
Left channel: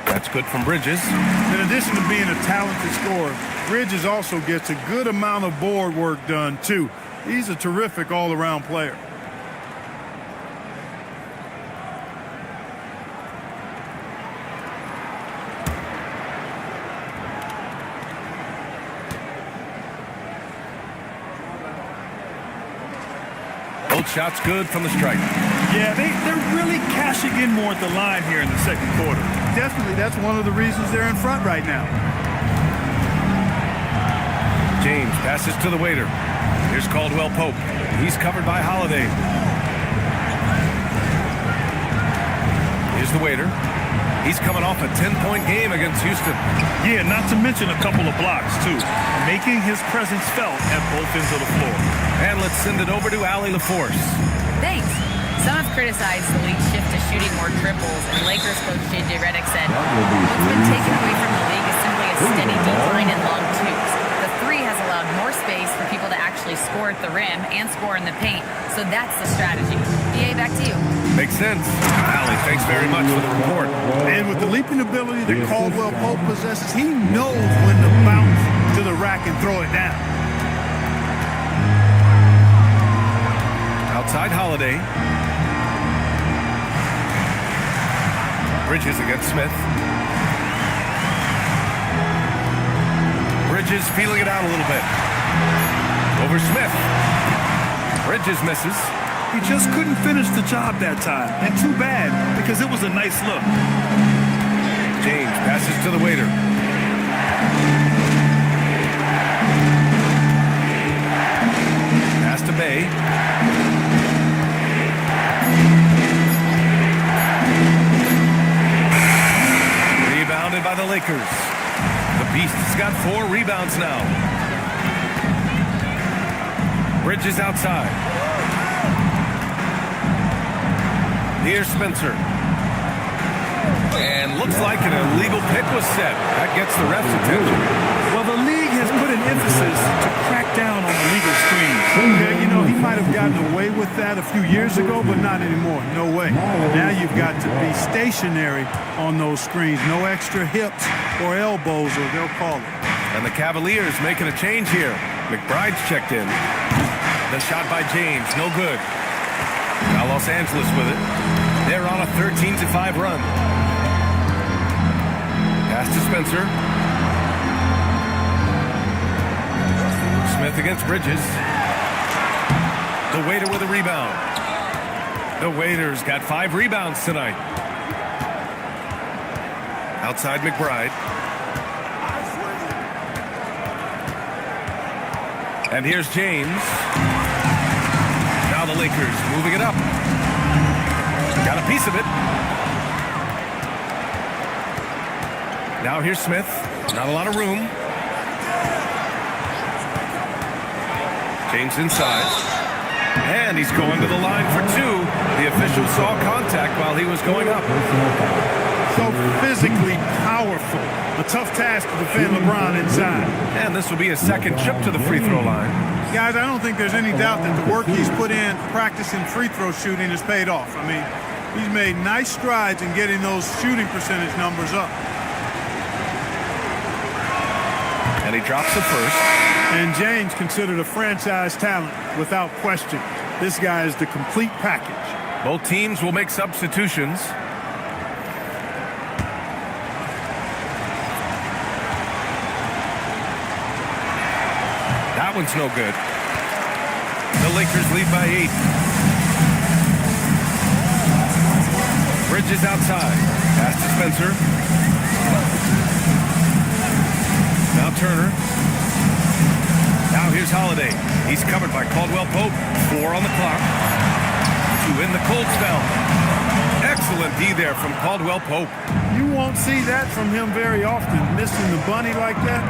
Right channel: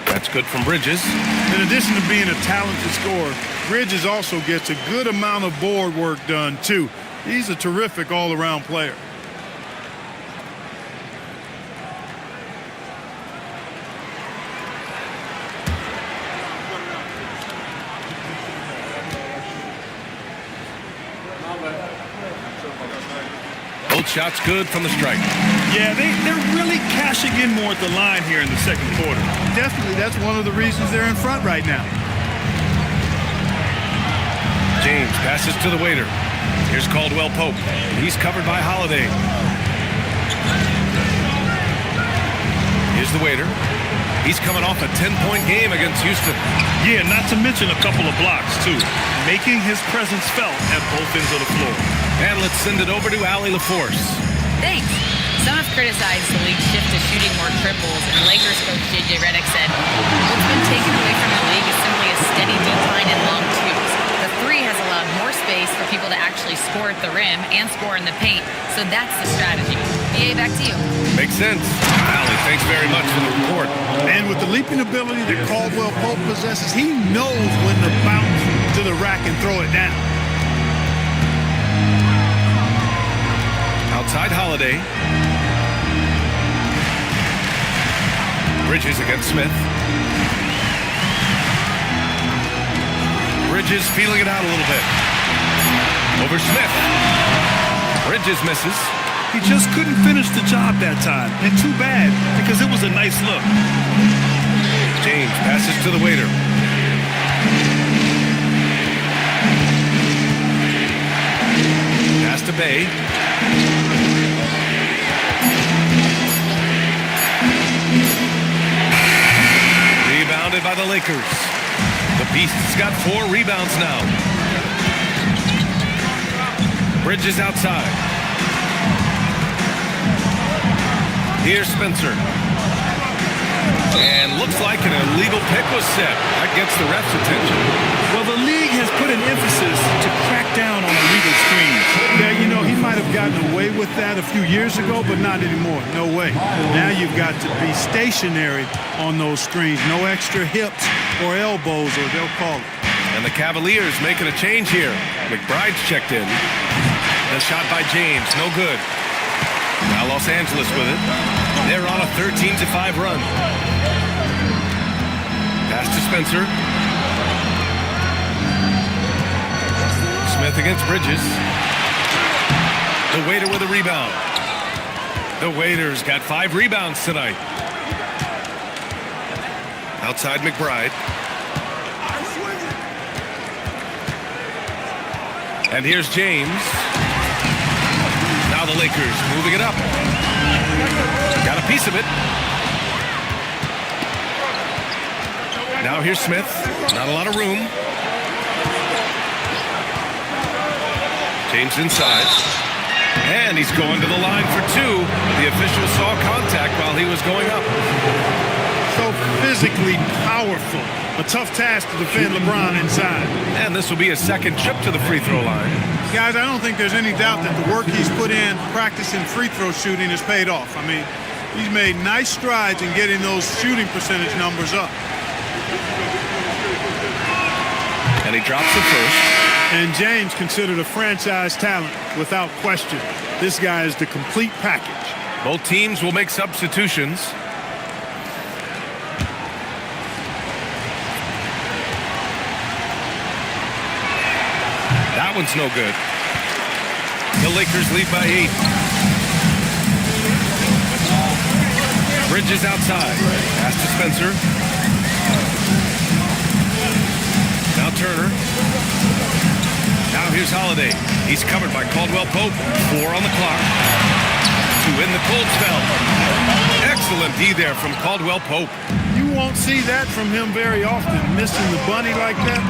That's good from Bridges. In addition to being a talented scorer, Bridges also gets a good amount of board work done, too. He's a terrific all-around player. Both shots good from the stripe. Yeah, they're really cashing in more at the line here in the second quarter. Definitely, that's one of the reasons they're in front right now. James passes to the waiter. Here's Caldwell Pope. He's covered by Holiday. Here's the waiter. He's coming off a 10-point game against Houston. Yeah, not to mention a couple of blocks, too. Making his presence felt at both ends of the floor. And let's send it over to Allie LaForce. Thanks. Some have criticized the league's shift to shooting more triples, and Lakers coach J.J. Redick said, what's been taken away from the league is simply a steady decline in long twos. The 3 has allowed more space for people to actually score at the rim and score in the paint, so that's the strategy. BA, back to you. Makes sense. Allie, thanks very much for the report. And with the leaping ability that Caldwell Pope possesses, he knows when to bounce to the rack and throw it down. Outside Holiday. Bridges against Smith. Bridges feeling it out a little bit. Over Smith. Bridges misses. He just couldn't finish the job that time. And too bad, because it was a nice look. James passes to the waiter. Pass to Bay. Rebounded by the Lakers. The Beast's got 4 rebounds now. Bridges outside. Here's Spencer. And looks like an illegal pick was set. That gets the ref's attention. Well, the league has put an emphasis to crack down on illegal screens. Yeah, you know, he might have gotten away with that a few years ago, but not anymore. No way. Now you've got to be stationary on those screens. No extra hips or elbows, or they'll call it. And the Cavaliers making a change here. McBride's checked in. The shot by James, no good. Now Los Angeles with it. They're on a 13-5 run. Pass to Spencer. Smith against Bridges. The waiter with a rebound. The waiter's got 5 rebounds tonight. Outside McBride. And here's James. Now the Lakers moving it up. Got a piece of it. Now here's Smith. Not a lot of room. James inside. And he's going to the line for 2. The official saw contact while he was going up. So physically powerful. A tough task to defend LeBron inside. And this will be his second trip to the free throw line. Guys, I don't think there's any doubt that the work he's put in practicing free throw shooting has paid off. I mean, he's made nice strides in getting those shooting percentage numbers up. And he drops the first. And James considered a franchise talent without question. This guy is the complete package. Both teams will make substitutions. That one's no good. The Lakers lead by 8. Bridges outside. Pass to Spencer. Now Turner. Now here's Holiday. He's covered by Caldwell Pope. 4 on the clock. To win the cold spell. Excellent D there from Caldwell Pope. You won't see that from him very often, missing the bunny like that.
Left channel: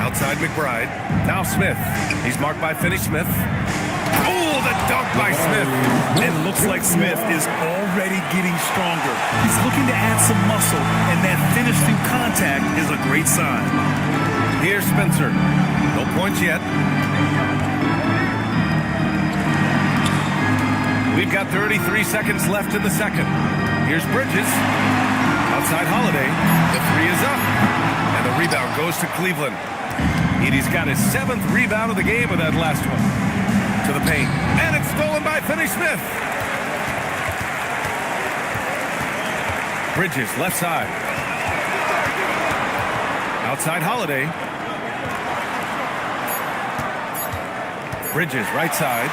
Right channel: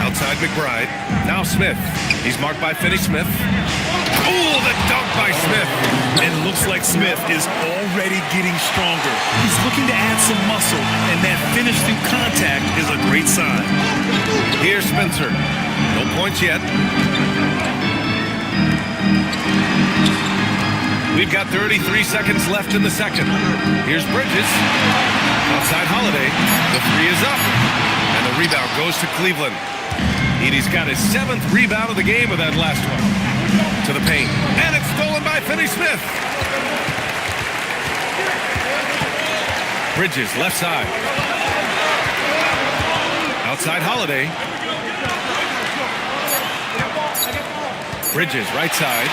Outside McBride. Now Smith. He's marked by Finney-Smith. Oh, the dunk by Smith. It looks like Smith is already getting stronger. He's looking to add some muscle, and that finish through contact is a great sign. Here's Spencer. No points yet. We've got 33 seconds left in the second. Here's Bridges. Outside Holiday. The 3 is up. And the rebound goes to Cleveland. Edey's got his 7th rebound of the game with that last one. To the paint. And it's stolen by Finney-Smith. Bridges, left side. Outside Holiday. Bridges, right side.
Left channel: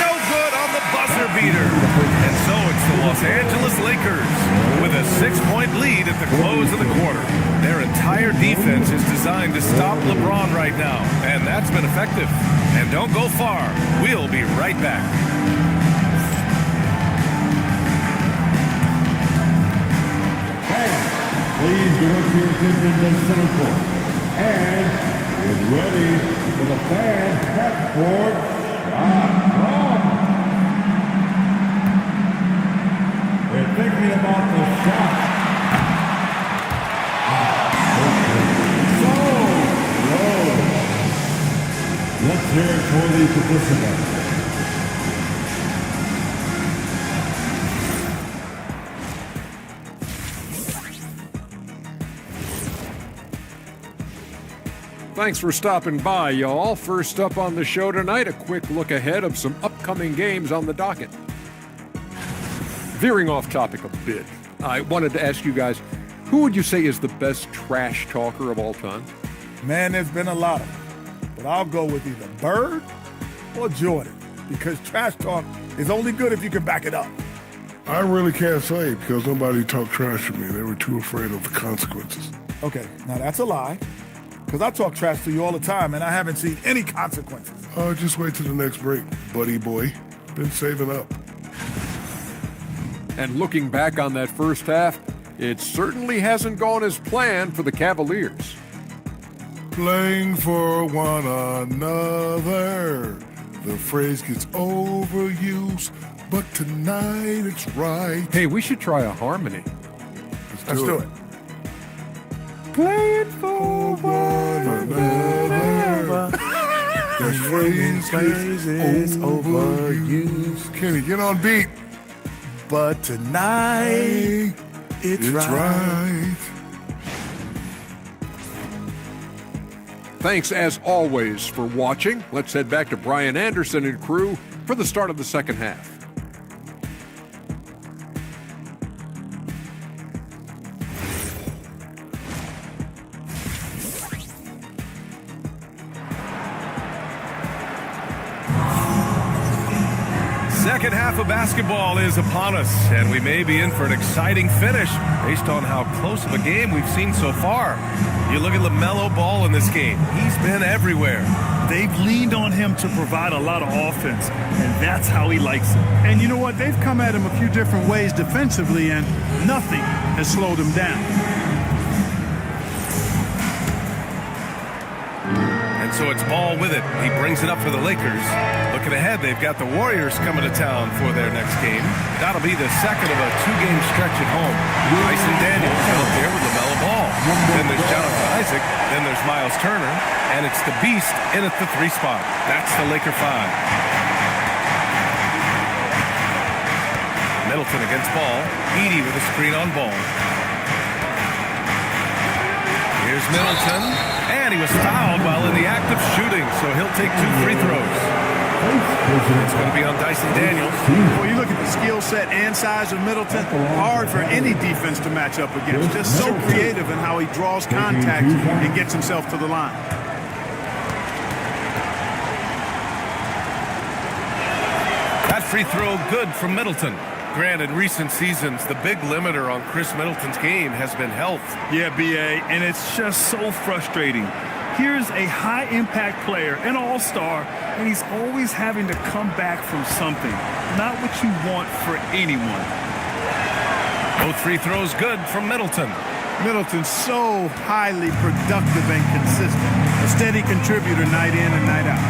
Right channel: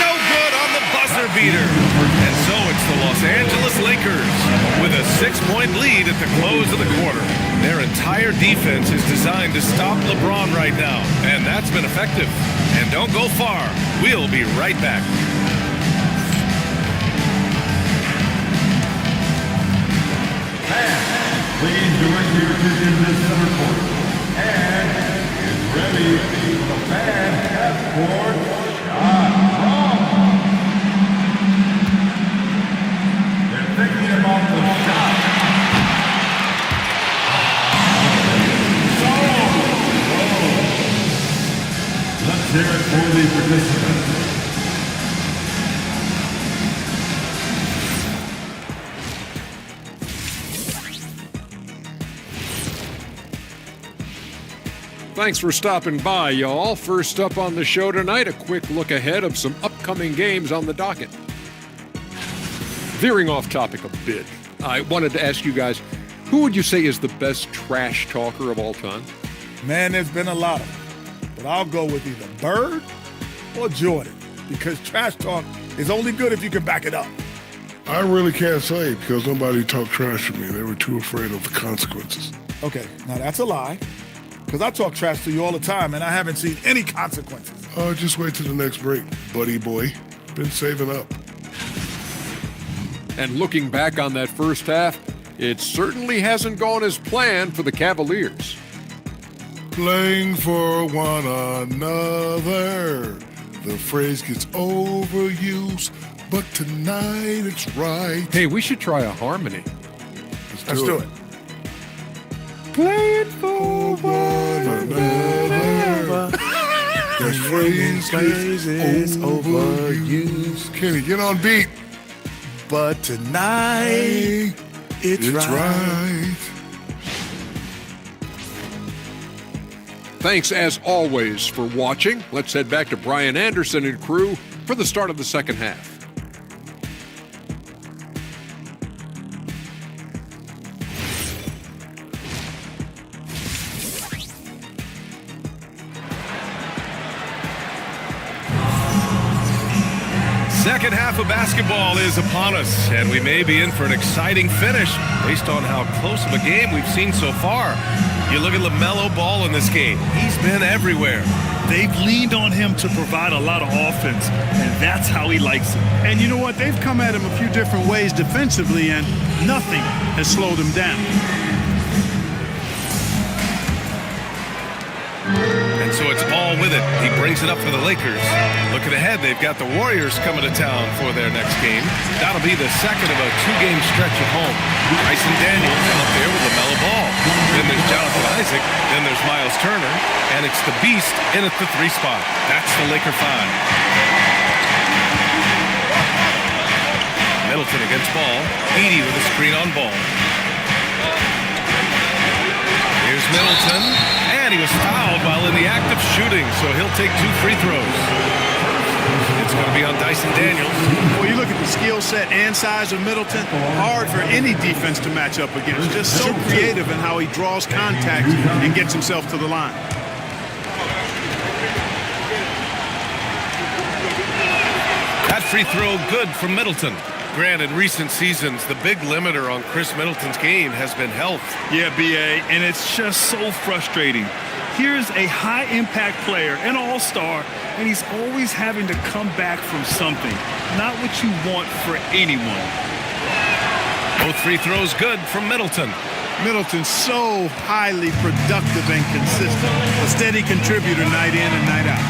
No good on the buzzer beater. And so it's the Los Angeles Lakers with a 6-point lead at the close of the quarter. Their entire defense is designed to stop LeBron right now, and that's been effective. And don't go far. We'll be right back. And please direct your attention to center court. And get ready for the fan half-court shot clock. They're thinking about the shot. Let's hear it for the participants. Thanks for stopping by, y'all. First up on the show tonight, a quick look ahead of some upcoming games on the docket. Veering off topic a bit, I wanted to ask you guys, who would you say is the best trash talker of all time? Man, there's been a lot of them. But I'll go with either Bird or Jordan, because trash talk is only good if you can back it up. I really can't say because nobody talked trash to me. They were too afraid of the consequences. Okay, now that's a lie, because I talk trash to you all the time, and I haven't seen any consequences. Just wait till the next break, buddy boy. Been saving up. And looking back on that first half, it certainly hasn't gone as planned for the Cavaliers. Playing for one another. The phrase gets overused, but tonight it's right. Hey, we should try a harmony. Let's do it. Playing for one another. The phrase gets overused. Kenny, get on beat. But tonight it's right. Thanks, as always, for watching. Let's head back to Brian Anderson and crew for the start of the second half. Second half of basketball is upon us, and we may be in for an exciting finish based on how close of a game we've seen so far. You look at LaMelo Ball in this game. He's been everywhere. They've leaned on him to provide a lot of offense, and that's how he likes it. And you know what? They've come at him a few different ways defensively, and nothing has slowed him down. And so it's Ball with it. He brings it up for the Lakers. Looking ahead, they've got the Warriors coming to town for their next game. That'll be the second of a 2-game stretch at home. Dyson Daniels out there with LaMelo Ball. Then there's Jonathan Isaac. Then there's Miles Turner. And it's the Beast in at the 3 spot. That's the Laker 5. Middleton against Ball. Edey with a screen on Ball. Here's Middleton. And he was fouled while in the act of shooting, so he'll take 2 free throws. It's going to be on Dyson Daniels. Well, you look at the skill set and size of Middleton, hard for any defense to match up against. Just so creative in how he draws contact and gets himself to the line. free throw good from Middleton. Grant, in recent seasons, the big limiter on Chris Middleton's game has been health. Yeah, B.A., and it's just so frustrating. Here's a high-impact player, an all-star, and he's always having to come back from something. Not what you want for anyone. Both free throws good from Middleton. Middleton's so highly productive and consistent. A steady contributor night in and night out.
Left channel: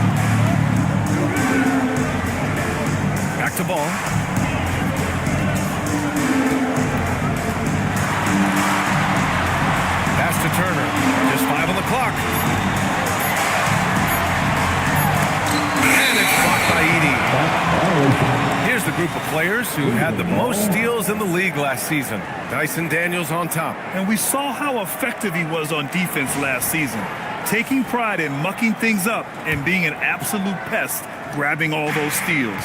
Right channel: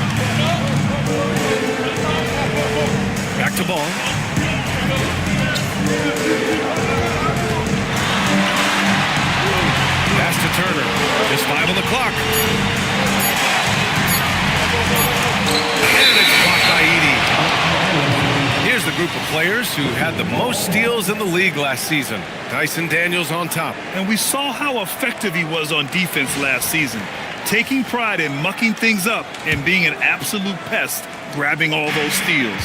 Back to ball. Pass to Turner. Just 5 on the clock. And it's blocked by Edey. Here's the group of players who had the most steals in the league last season. Dyson Daniels on top. And we saw how effective he was on defense last season, taking pride in mucking things up and being an absolute pest, grabbing all those steals.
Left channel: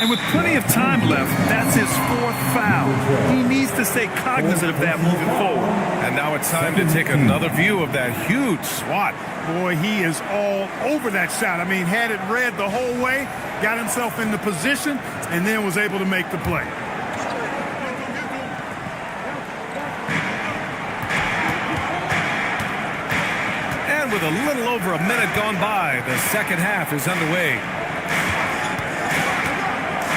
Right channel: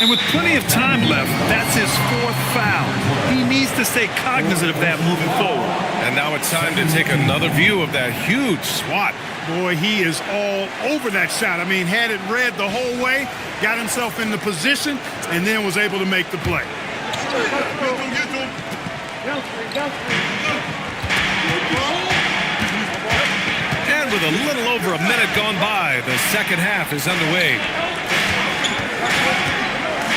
And with plenty of time left, that's his 4th foul. He needs to stay cognizant of that moving forward. And now it's time to take another view of that huge swat. Boy, he is all over that shot. I mean, had it read the whole way, got himself in the position, and then was able to make the play. And with a little over a minute gone by, the second half is underway.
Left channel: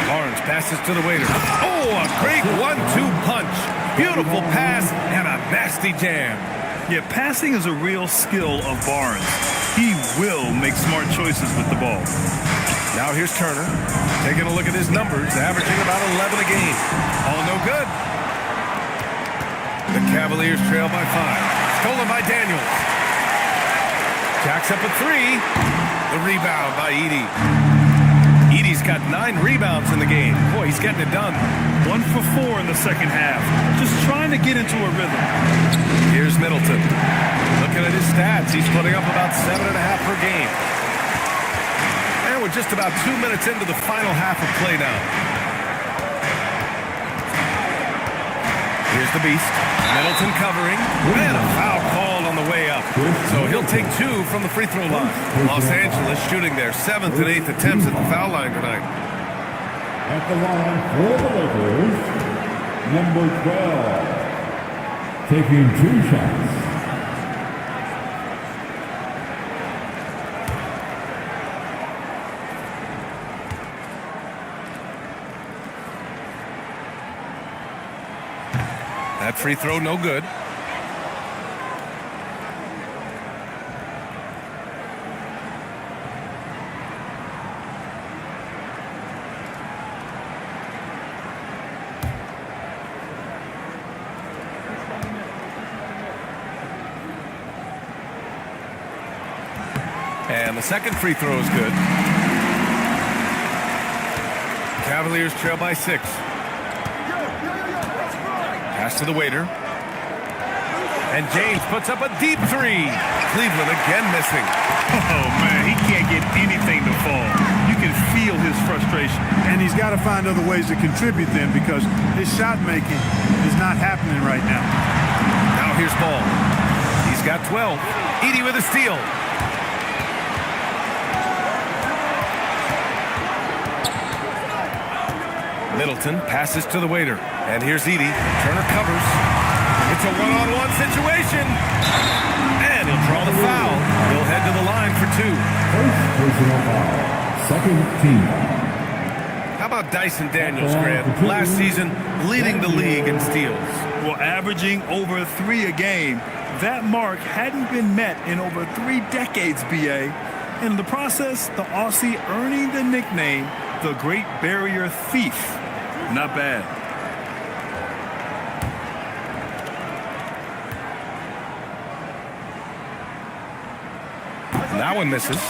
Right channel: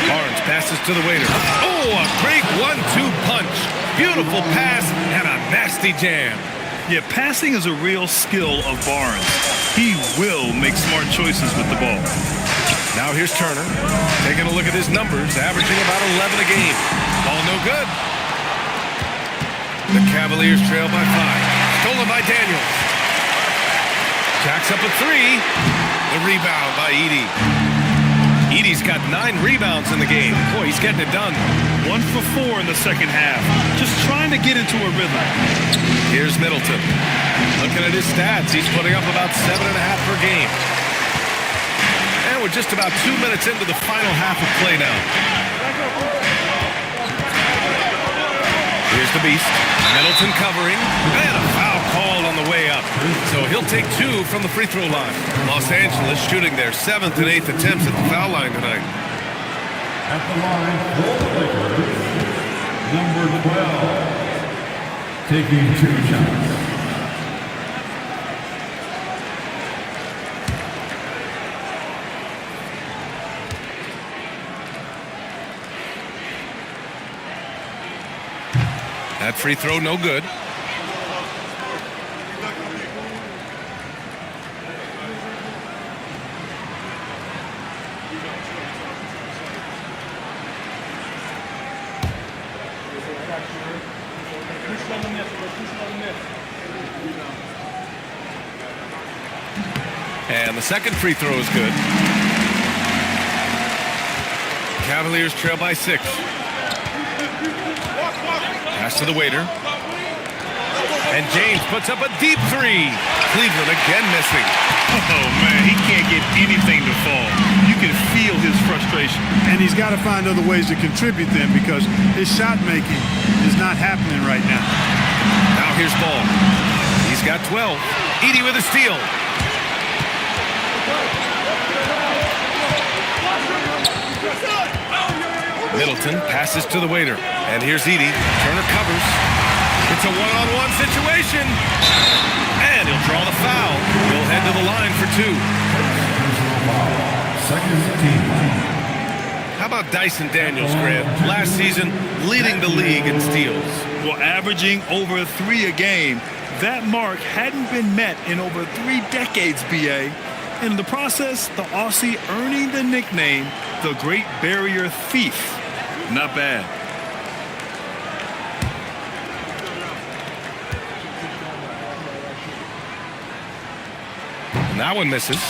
Barnes passes to the waiter. Oh, a great 1-2 punch. Beautiful pass and a nasty jam. Yeah, passing is a real skill of Barnes. He will make smart choices with the ball. Now here's Turner. Taking a look at his numbers, averaging about 11 a game. Ball no good. The Cavaliers trail by 5. Stolen by Daniels. Jacks up a 3. The rebound by Edey. Edey's got 9 rebounds in the game. Boy, he's getting it done. 1 for 4 in the second half. Just trying to get into a rhythm. Here's Middleton. Looking at his stats, he's putting up about 7.5 per game. And we're just about 2 minutes into the final half of play now. Here's the beast. Middleton covering. And a foul called on the way up. So he'll take 2 from the free throw line. Los Angeles shooting their 7th and 8th attempts at the foul line tonight. At the line for the Lakers, number 12, taking 2 shots. That free throw no good. And the second free throw is good. Cavaliers trail by 6. Pass to the waiter. And James puts up a deep 3. Cleveland again missing. Oh, man, he can't get anything to fall. You can feel his frustration. And he's got to find other ways to contribute then, because his shot making is not happening right now. Now here's Ball. He's got 12. Edey with a steal. Middleton passes to the waiter. And here's Edey. Turner covers. It's a one-on-one situation. And he'll draw the foul. He'll head to the line for 2. First personal foul. Second team foul. How about Dyson Daniels, Grant? Last season, leading the league in steals. Well, averaging over 3 a game. That mark hadn't been met in over 3 decades, B.A. And in the process, the Aussie earning the nickname, the Great Barrier Thief. Not bad. And that one misses.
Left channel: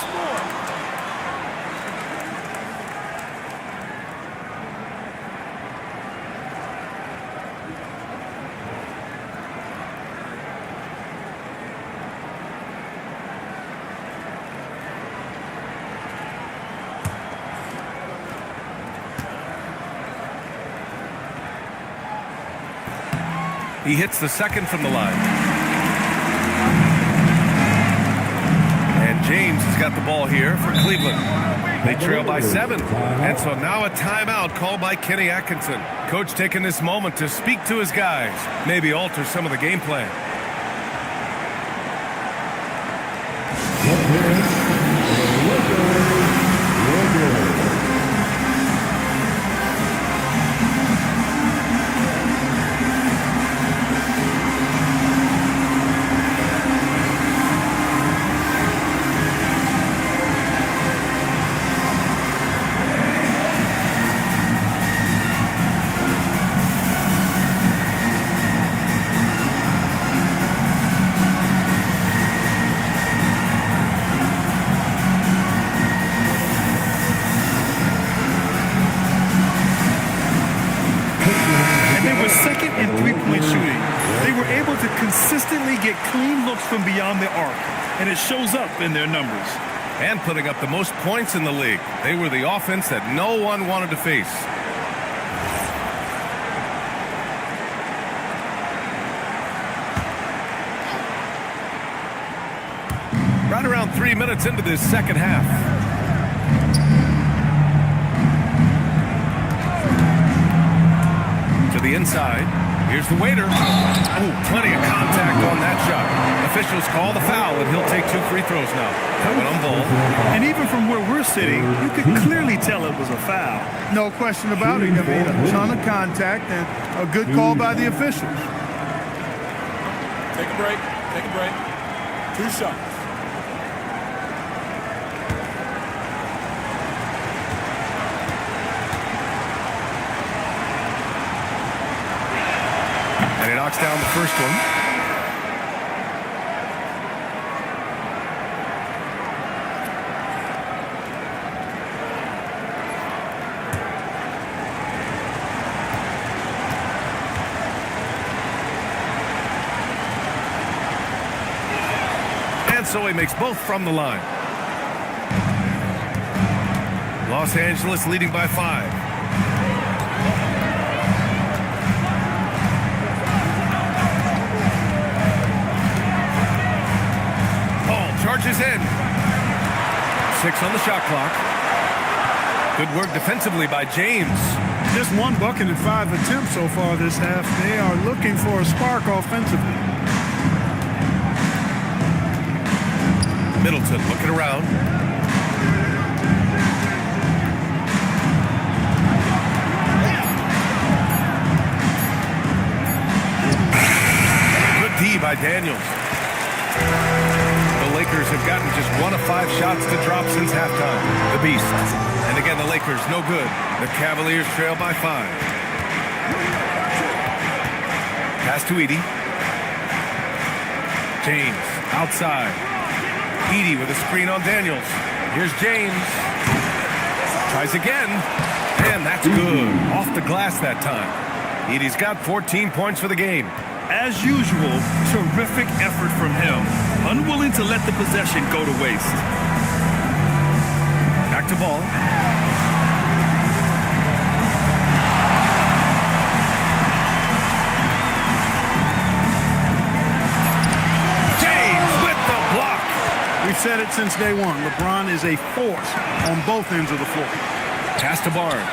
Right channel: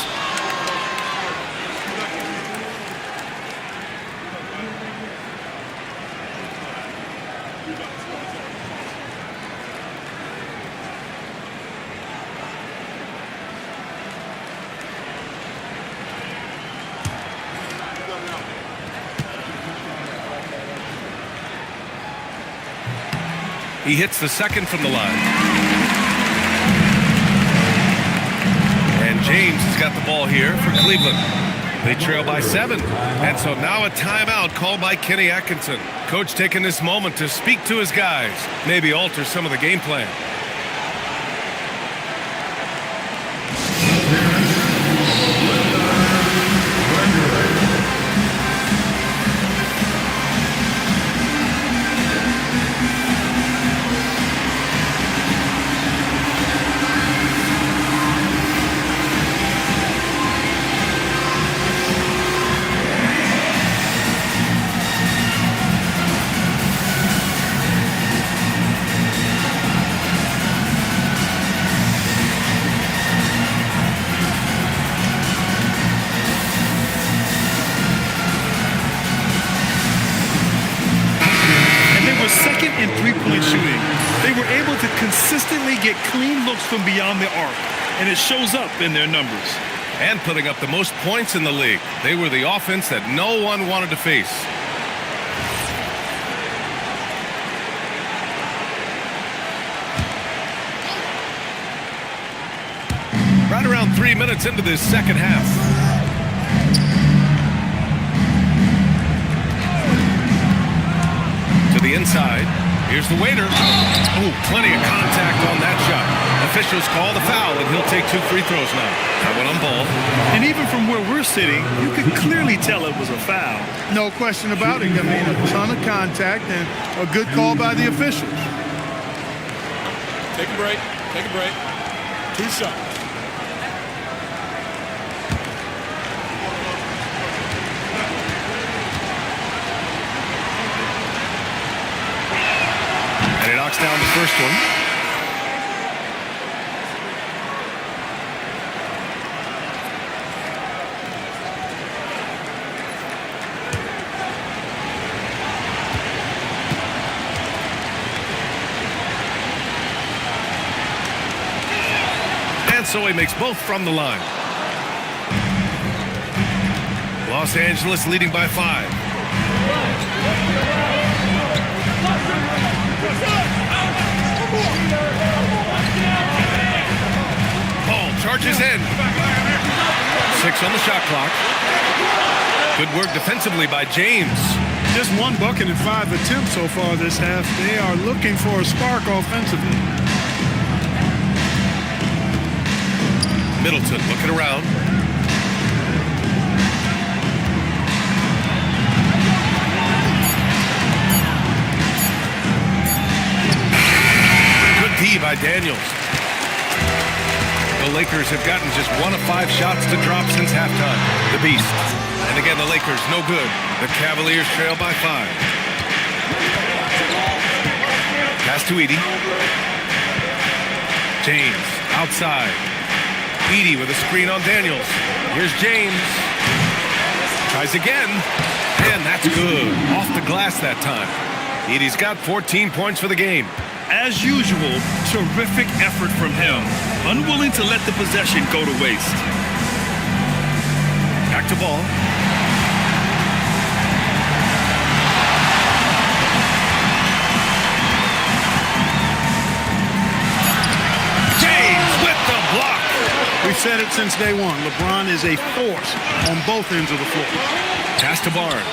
He hits the second from the line. And James has got the ball here for Cleveland. They trail by 7. And so now a timeout called by Kenny Atkinson. Coach taking this moment to speak to his guys, maybe alter some of the game plan. Second in three-point shooting. They were able to consistently get clean looks from beyond the arc, and it shows up in their numbers. And putting up the most points in the league. They were the offense that no one wanted to face. Right around 3 minutes into this second half. To the inside. Here's the waiter. Oh, plenty of contact on that shot. Officials call the foul, and he'll take 2 free throws now. That one on ball. And even from where we're sitting, you could clearly tell it was a foul. No question about it. I mean, a ton of contact and a good call by the officials. Take a break. Take a break. 2 shots. And he knocks down the first one. And so he makes both from the line. Los Angeles leading by 5. Ball charges in. 6 on the shot clock. Good work defensively by James. Just 1 bucket in 5 attempts so far this half. They are looking for a spark offensively. Middleton looking around. Good D by Daniels. The Lakers have gotten just 1 of 5 shots to drop since halftime. The Beast. And again, the Lakers no good. The Cavaliers trail by 5. Pass to Edey. James outside. Edey with a screen on Daniels. Here's James. Tries again. And that's good. Off the glass that time. Edey's got 14 points for the game. As usual, terrific effort from him. Unwilling to let the possession go to waste. Back to ball. James with the block. We've said it since day one. LeBron is a force on both ends of the floor. Pass to Barnes.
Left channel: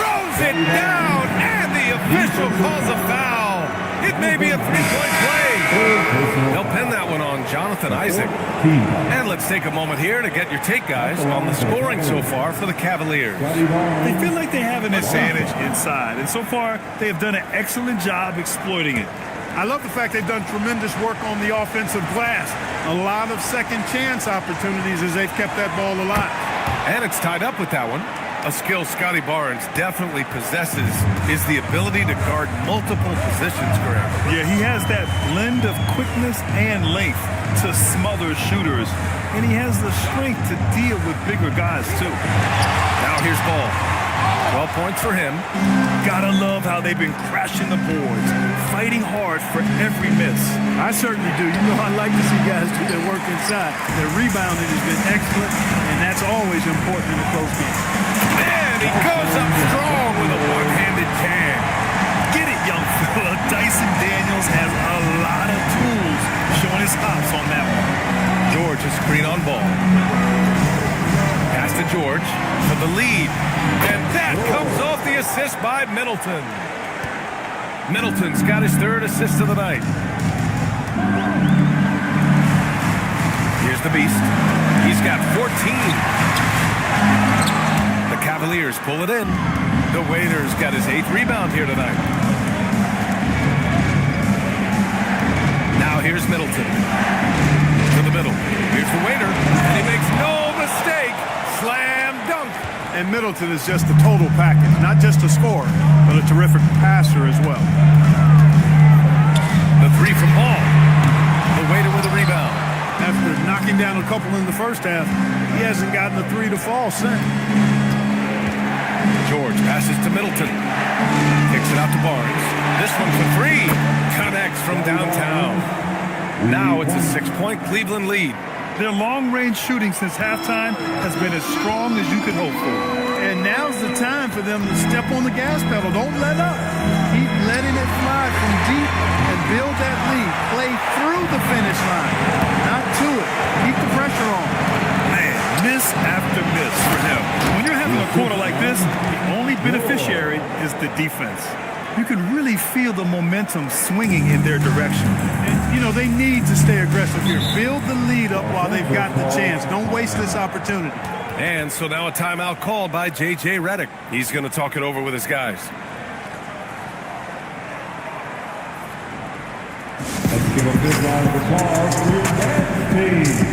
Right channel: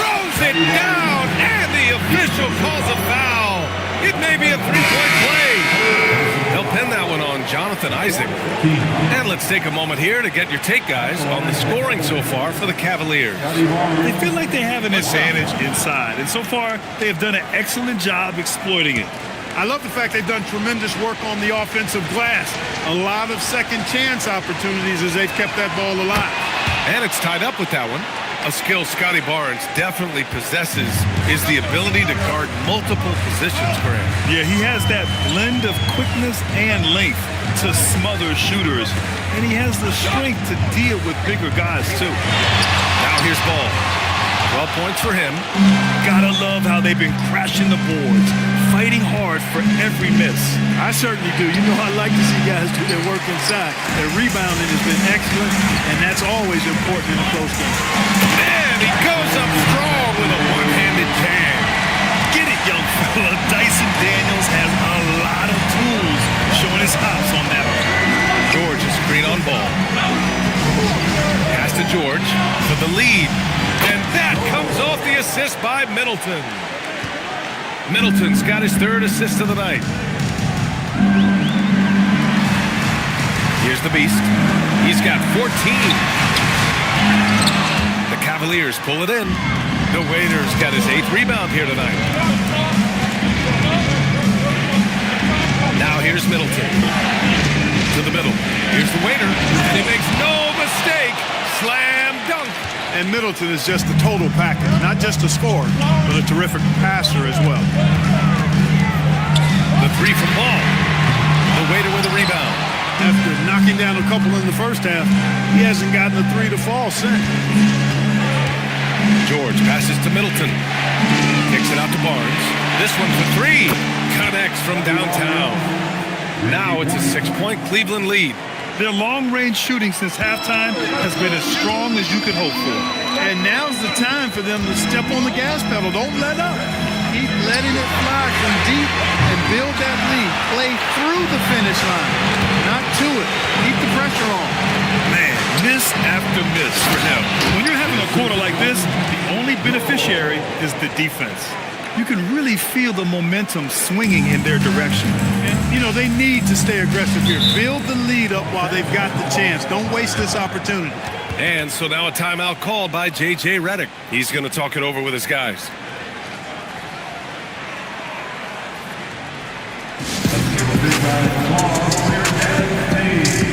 Throws it down, and the official calls a foul. It may be a 3-point play. They'll pin that one on Jonathan Isaac. And let's take a moment here to get your take, guys, on the scoring so far for the Cavaliers. They feel like they have an advantage inside, and so far they have done an excellent job exploiting it. I love the fact they've done tremendous work on the offensive glass. A lot of second chance opportunities as they've kept that ball alive. And it's tied up with that one. A skill Scotty Barnes definitely possesses is the ability to guard multiple positions, Graham. Yeah, he has that blend of quickness and length to smother shooters, and he has the strength to deal with bigger guys, too. Now here's Ball. 12 points for him. Gotta love how they've been crashing the boards, fighting hard for every miss. I certainly do. You know, I like to see guys do their work inside. Their rebounding has been excellent, and that's always important in a close game. Man, he goes up strong with a one-handed jam. Get it, young fella. Dyson Daniels has a lot of tools showing his hops on that one. George is screen on Ball. Pass to George for the lead. And that comes off the assist by Middleton. Middleton's got his third assist of the night. Here's the Beast. He's got 14. The Cavaliers pull it in. The Waiters got his 8th rebound here tonight. Now here's Middleton. To the middle. Here's the Waiter. And he makes no mistake. Slam dunk. And Middleton is just the total package. Not just a scorer, but a terrific passer as well. The three from Paul. The Waiter with a rebound. After knocking down a couple in the first half, he hasn't gotten a three to fall since. George passes to Middleton. Kicks it out to Barnes. This one for three. Connects from downtown. Now it's a 6-point Cleveland lead. Their long-range shooting since halftime has been as strong as you could hope for. And now's the time for them to step on the gas pedal. Don't let up. Keep letting it fly from deep and build that lead. Play through the finish line, not to it. Keep the pressure on. Man, miss after miss for him. When you're having a quarter like this, the only beneficiary is the defense. You can really feel the momentum swinging in their direction. And, you know, they need to stay aggressive here. Build the lead up while they've got the chance. Don't waste this opportunity. And so now a timeout called by J.J. Redick. He's going to talk it over with his guys. Let's give a big round of applause for your dance team.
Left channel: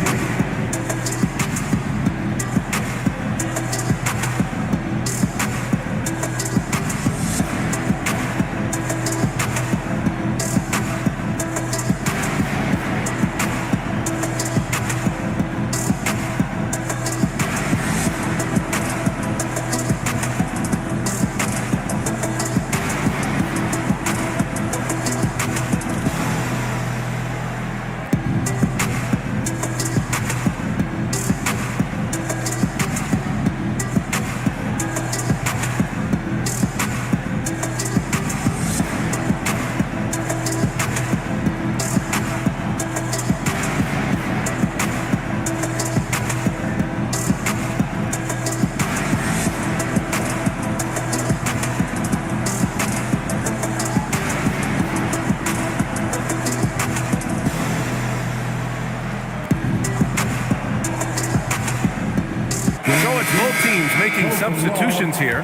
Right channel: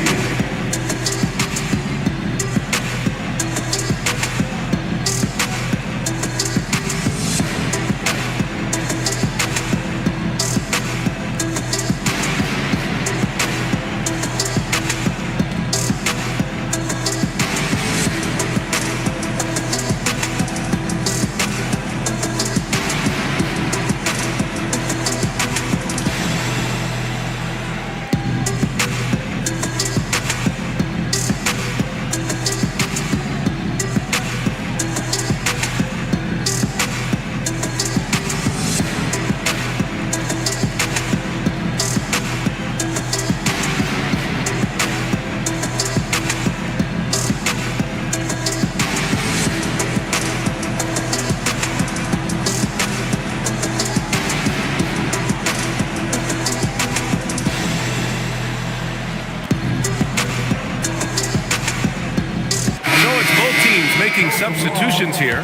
Both teams making substitutions here.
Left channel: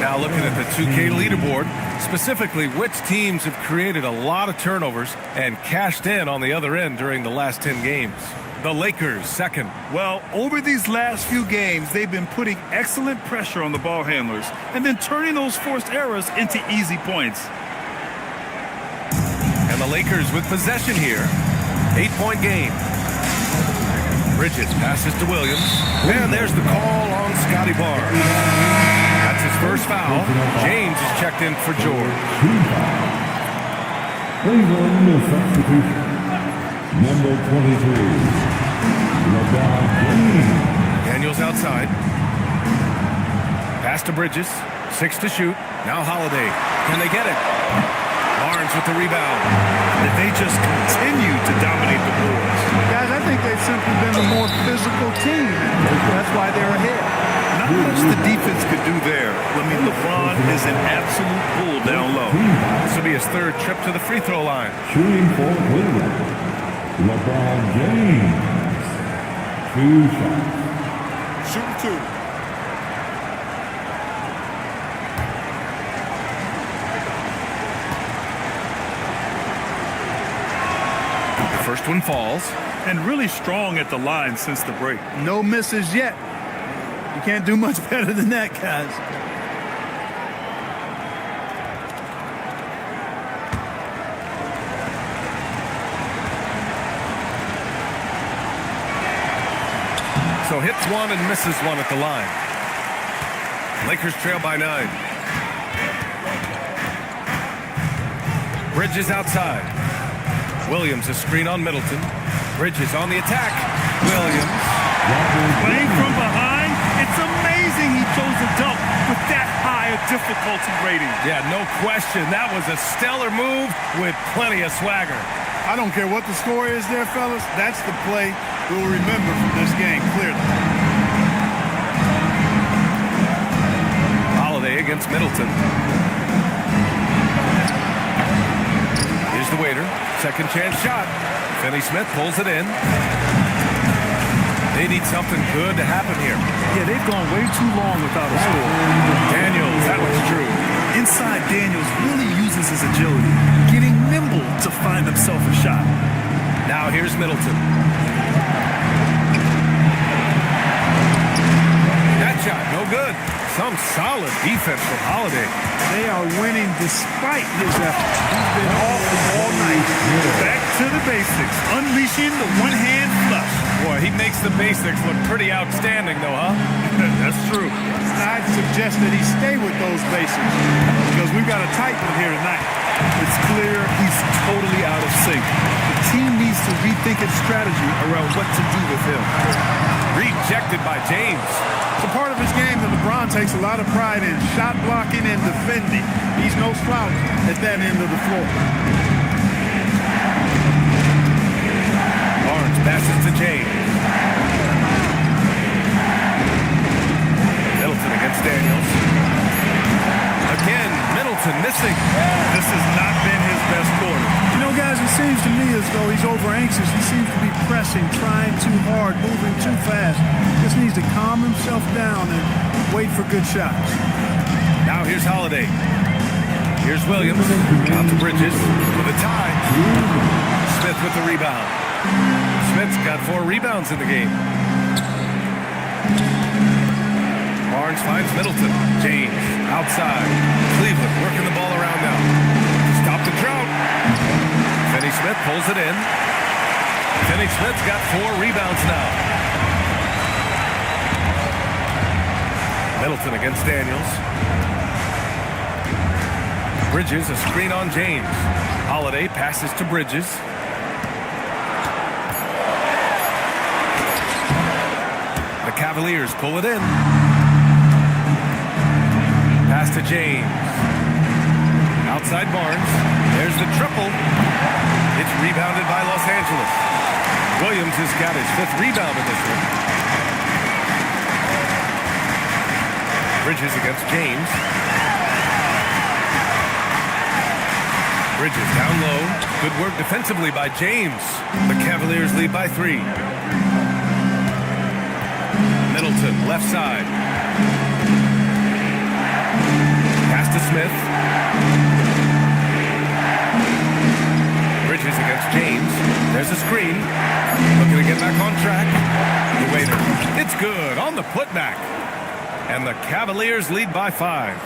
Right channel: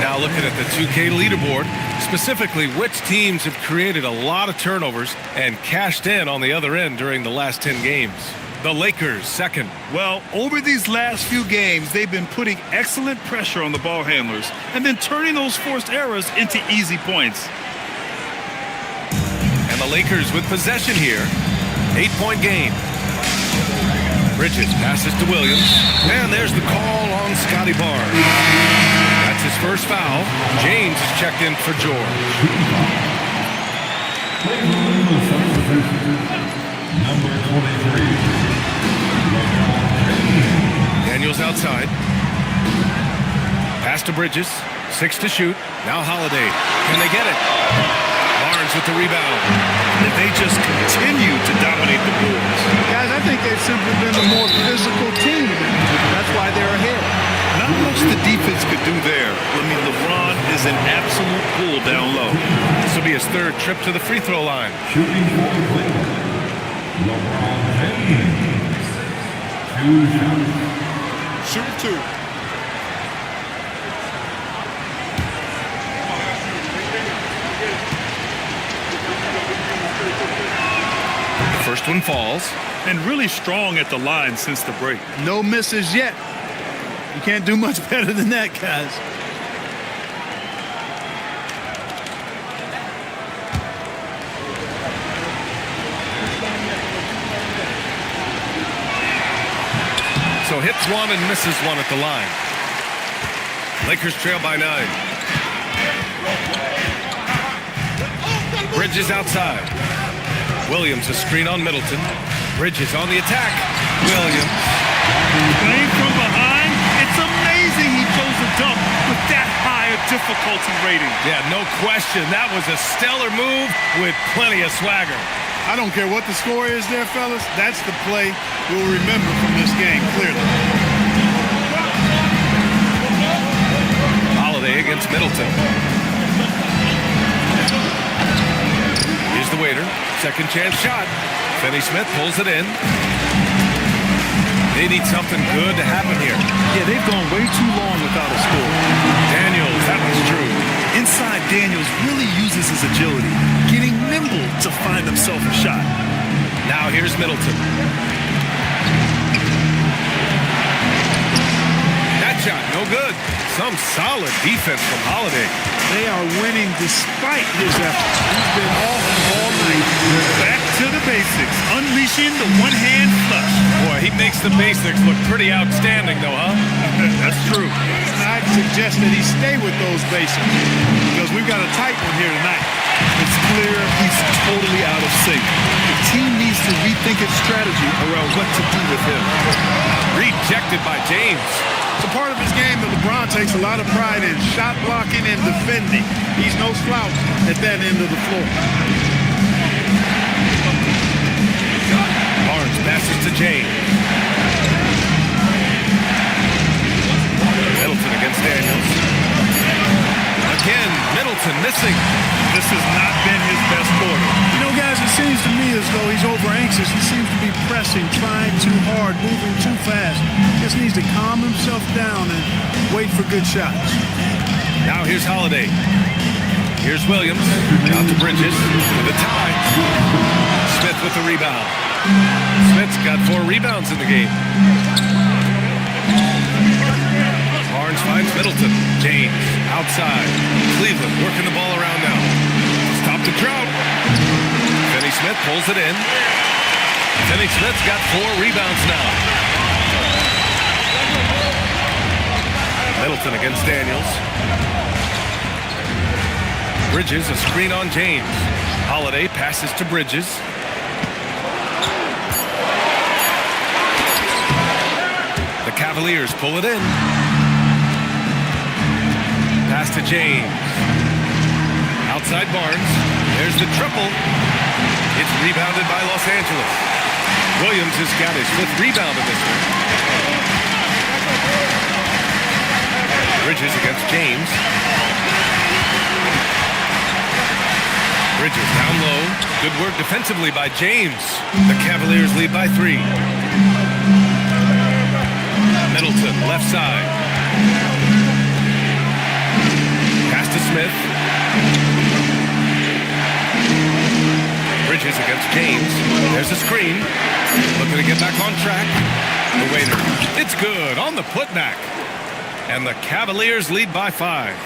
Now looking at the 2K leaderboard, specifically which teams have created a lot of turnovers and cashed in on the other end during the last 10 games. The Lakers second. Well, over these last few games, they've been putting excellent pressure on the ball handlers and then turning those forced errors into easy points. And the Lakers with possession here. 8-point game. Bridges passes to Williams. And there's the call on Scotty Barnes. That's his first foul. James is checked in for George. Cleveland will substitution. Number 23, LeBron James. Daniels outside. Pass to Bridges. 6 to shoot. Now Holiday. Can they get it? Barnes with the rebound. If they just continue to dominate the boards. Guys, I think they've simply been the more physical team, and that's why they're ahead. Not much the defense could do there. I mean, LeBron is an absolute bull down low. This will be his third trip to the free throw line. Shooting for Cleveland, LeBron James. 2 shots. Shooting 2. The first one falls. And really strong at the line since the break. No misses yet. You can't do much better than that, guys. So hits one and misses one at the line. Lakers trail by 9. Bridges outside. Williams a screen on Middleton. Bridges on the attack. Williams. Playing from behind, it's amazing he chose a dunk with that high a difficulty rating. Yeah, no question. That was a stellar move with plenty of swagger. I don't care what the score is there, fellas. That's the play we'll remember from this game, clearly. Holiday against Middleton. Here's the waiter. Second chance shot. Finney-Smith pulls it in. They need something good to happen here. Yeah, they've gone way too long without a score. Daniels, that one's true. Inside, Daniels really uses his agility, getting nimble to find himself a shot. Now here's Middleton. That shot, no good. Some solid defense from Holiday. They are winning despite his efforts. He's been off all night. Back to the basics, unleashing the one-hand flush. Boy, he makes the basics look pretty outstanding, though, huh? That's true. And I'd suggest that he stay with those basics because we've got a tight one here tonight. It's clear he's totally out of sync. The team needs to rethink its strategy around what to do with him. Rejected by James. It's a part of his game that LeBron takes a lot of pride in, shot blocking and defending. He's no slouch at that end of the floor. Barnes passes to James. Middleton against Daniels. Again, Middleton missing. This has not been his best quarter. You know, guys, it seems to me as though he's over-anxious. He seems to be pressing, trying too hard, moving too fast. Just needs to calm himself down and wait for good shots. Now here's Holiday. Here's Williams. Out to Bridges with a tie. Smith with the rebound. Smith's got 4 rebounds in the game. Barnes finds Middleton. James outside. Cleveland working the ball around now. Stop the drought. Finney-Smith pulls it in. Finney-Smith's got 4 rebounds now. Middleton against Daniels. Bridges, a screen on James. Holiday passes to Bridges. The Cavaliers pull it in. Pass to James. Outside Barnes. There's the triple. It's rebounded by Los Angeles. Williams has got his 5th rebound in this one. Bridges against James. Bridges down low. Good work defensively by James. The Cavaliers lead by 3. Middleton, left side. Pass to Smith. Bridges against James. There's a screen. Looking to get back on track. The waiter. It's good on the putback. And the Cavaliers lead by 5.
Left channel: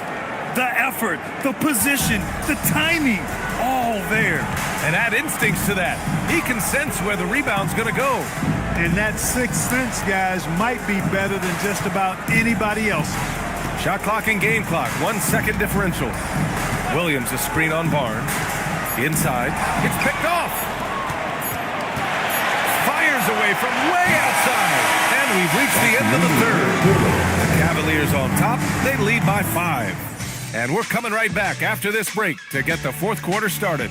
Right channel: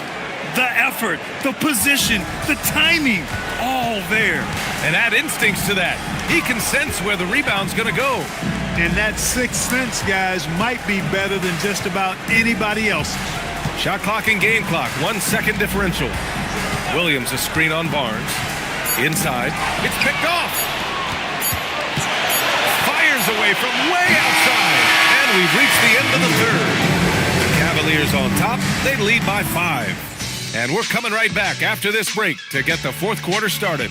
The effort, the position, the timing, all there. And add instincts to that. He can sense where the rebound's going to go. And that 6th sense, guys, might be better than just about anybody else. Shot clock and game clock, 1 second differential. Williams, a screen on Barnes. Inside, it's picked off. Fires away from way outside. And we've reached the end of the 3rd. The Cavaliers on top, they lead by 5. And we're coming right back after this break to get the 4th quarter started.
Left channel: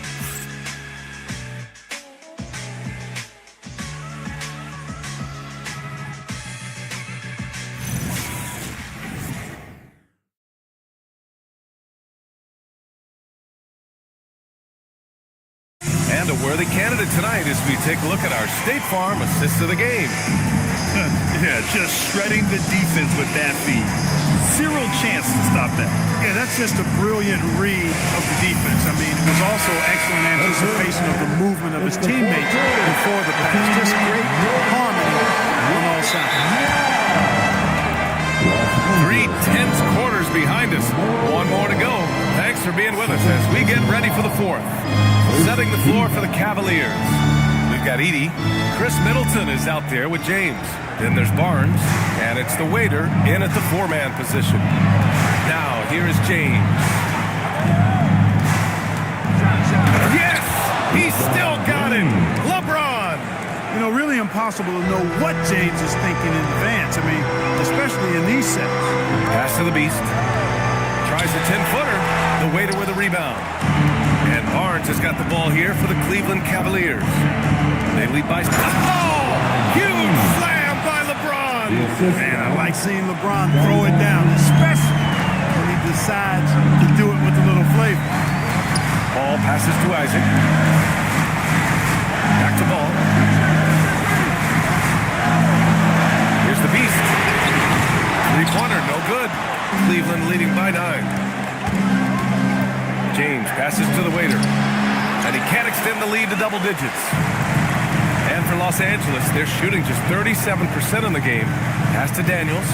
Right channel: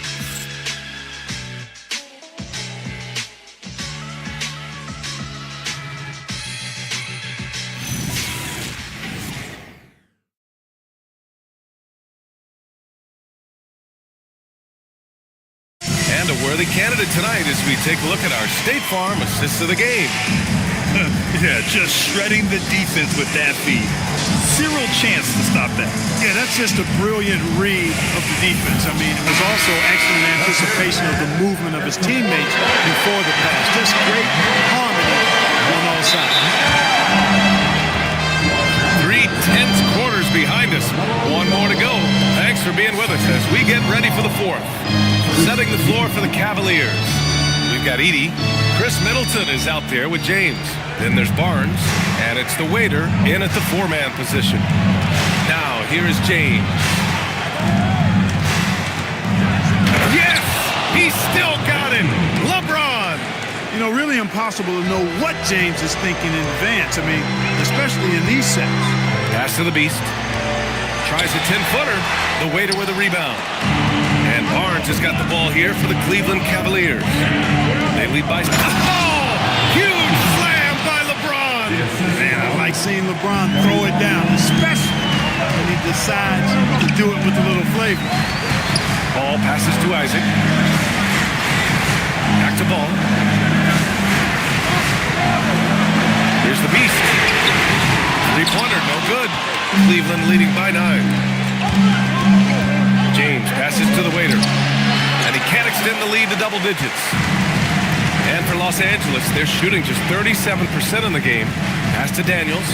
And a worthy candidate tonight as we take a look at our State Farm assist of the game. Yeah, just shredding the defense with that feed. Zero chance to stop that. Yeah, that's just a brilliant read of the defense. I mean, it was also excellent anticipation of the movement of his teammates before the pass. Just great harmony on all sides. 3 tense quarters behind us. 1 more to go. Thanks for being with us as we get ready for the 4th. Setting the floor for the Cavaliers. We've got Edey. Chris Middleton is out there with James. Then there's Barnes, and it's the waiter in at the 4-man position. Now, here is James. Yes! He still got it! LeBron! You know, really impossible to know what James is thinking in advance. I mean, especially in these sets. Pass to the Beast. Tries a 10-footer. The waiter with a rebound. And Barnes has got the ball here for the Cleveland Cavaliers. They lead by... Oh! Huge slam by LeBron! Man, I like seeing LeBron throw it down, especially when he decides to do it with a little flavor. Ball passes to Isaac. Back to Ball. Here's the Beast. Three-pointer, no good. Cleveland leading by 9. James passes to the waiter. And he can't extend the lead to double digits. And for Los Angeles, they're shooting just 37% in the game. Pass to Daniels.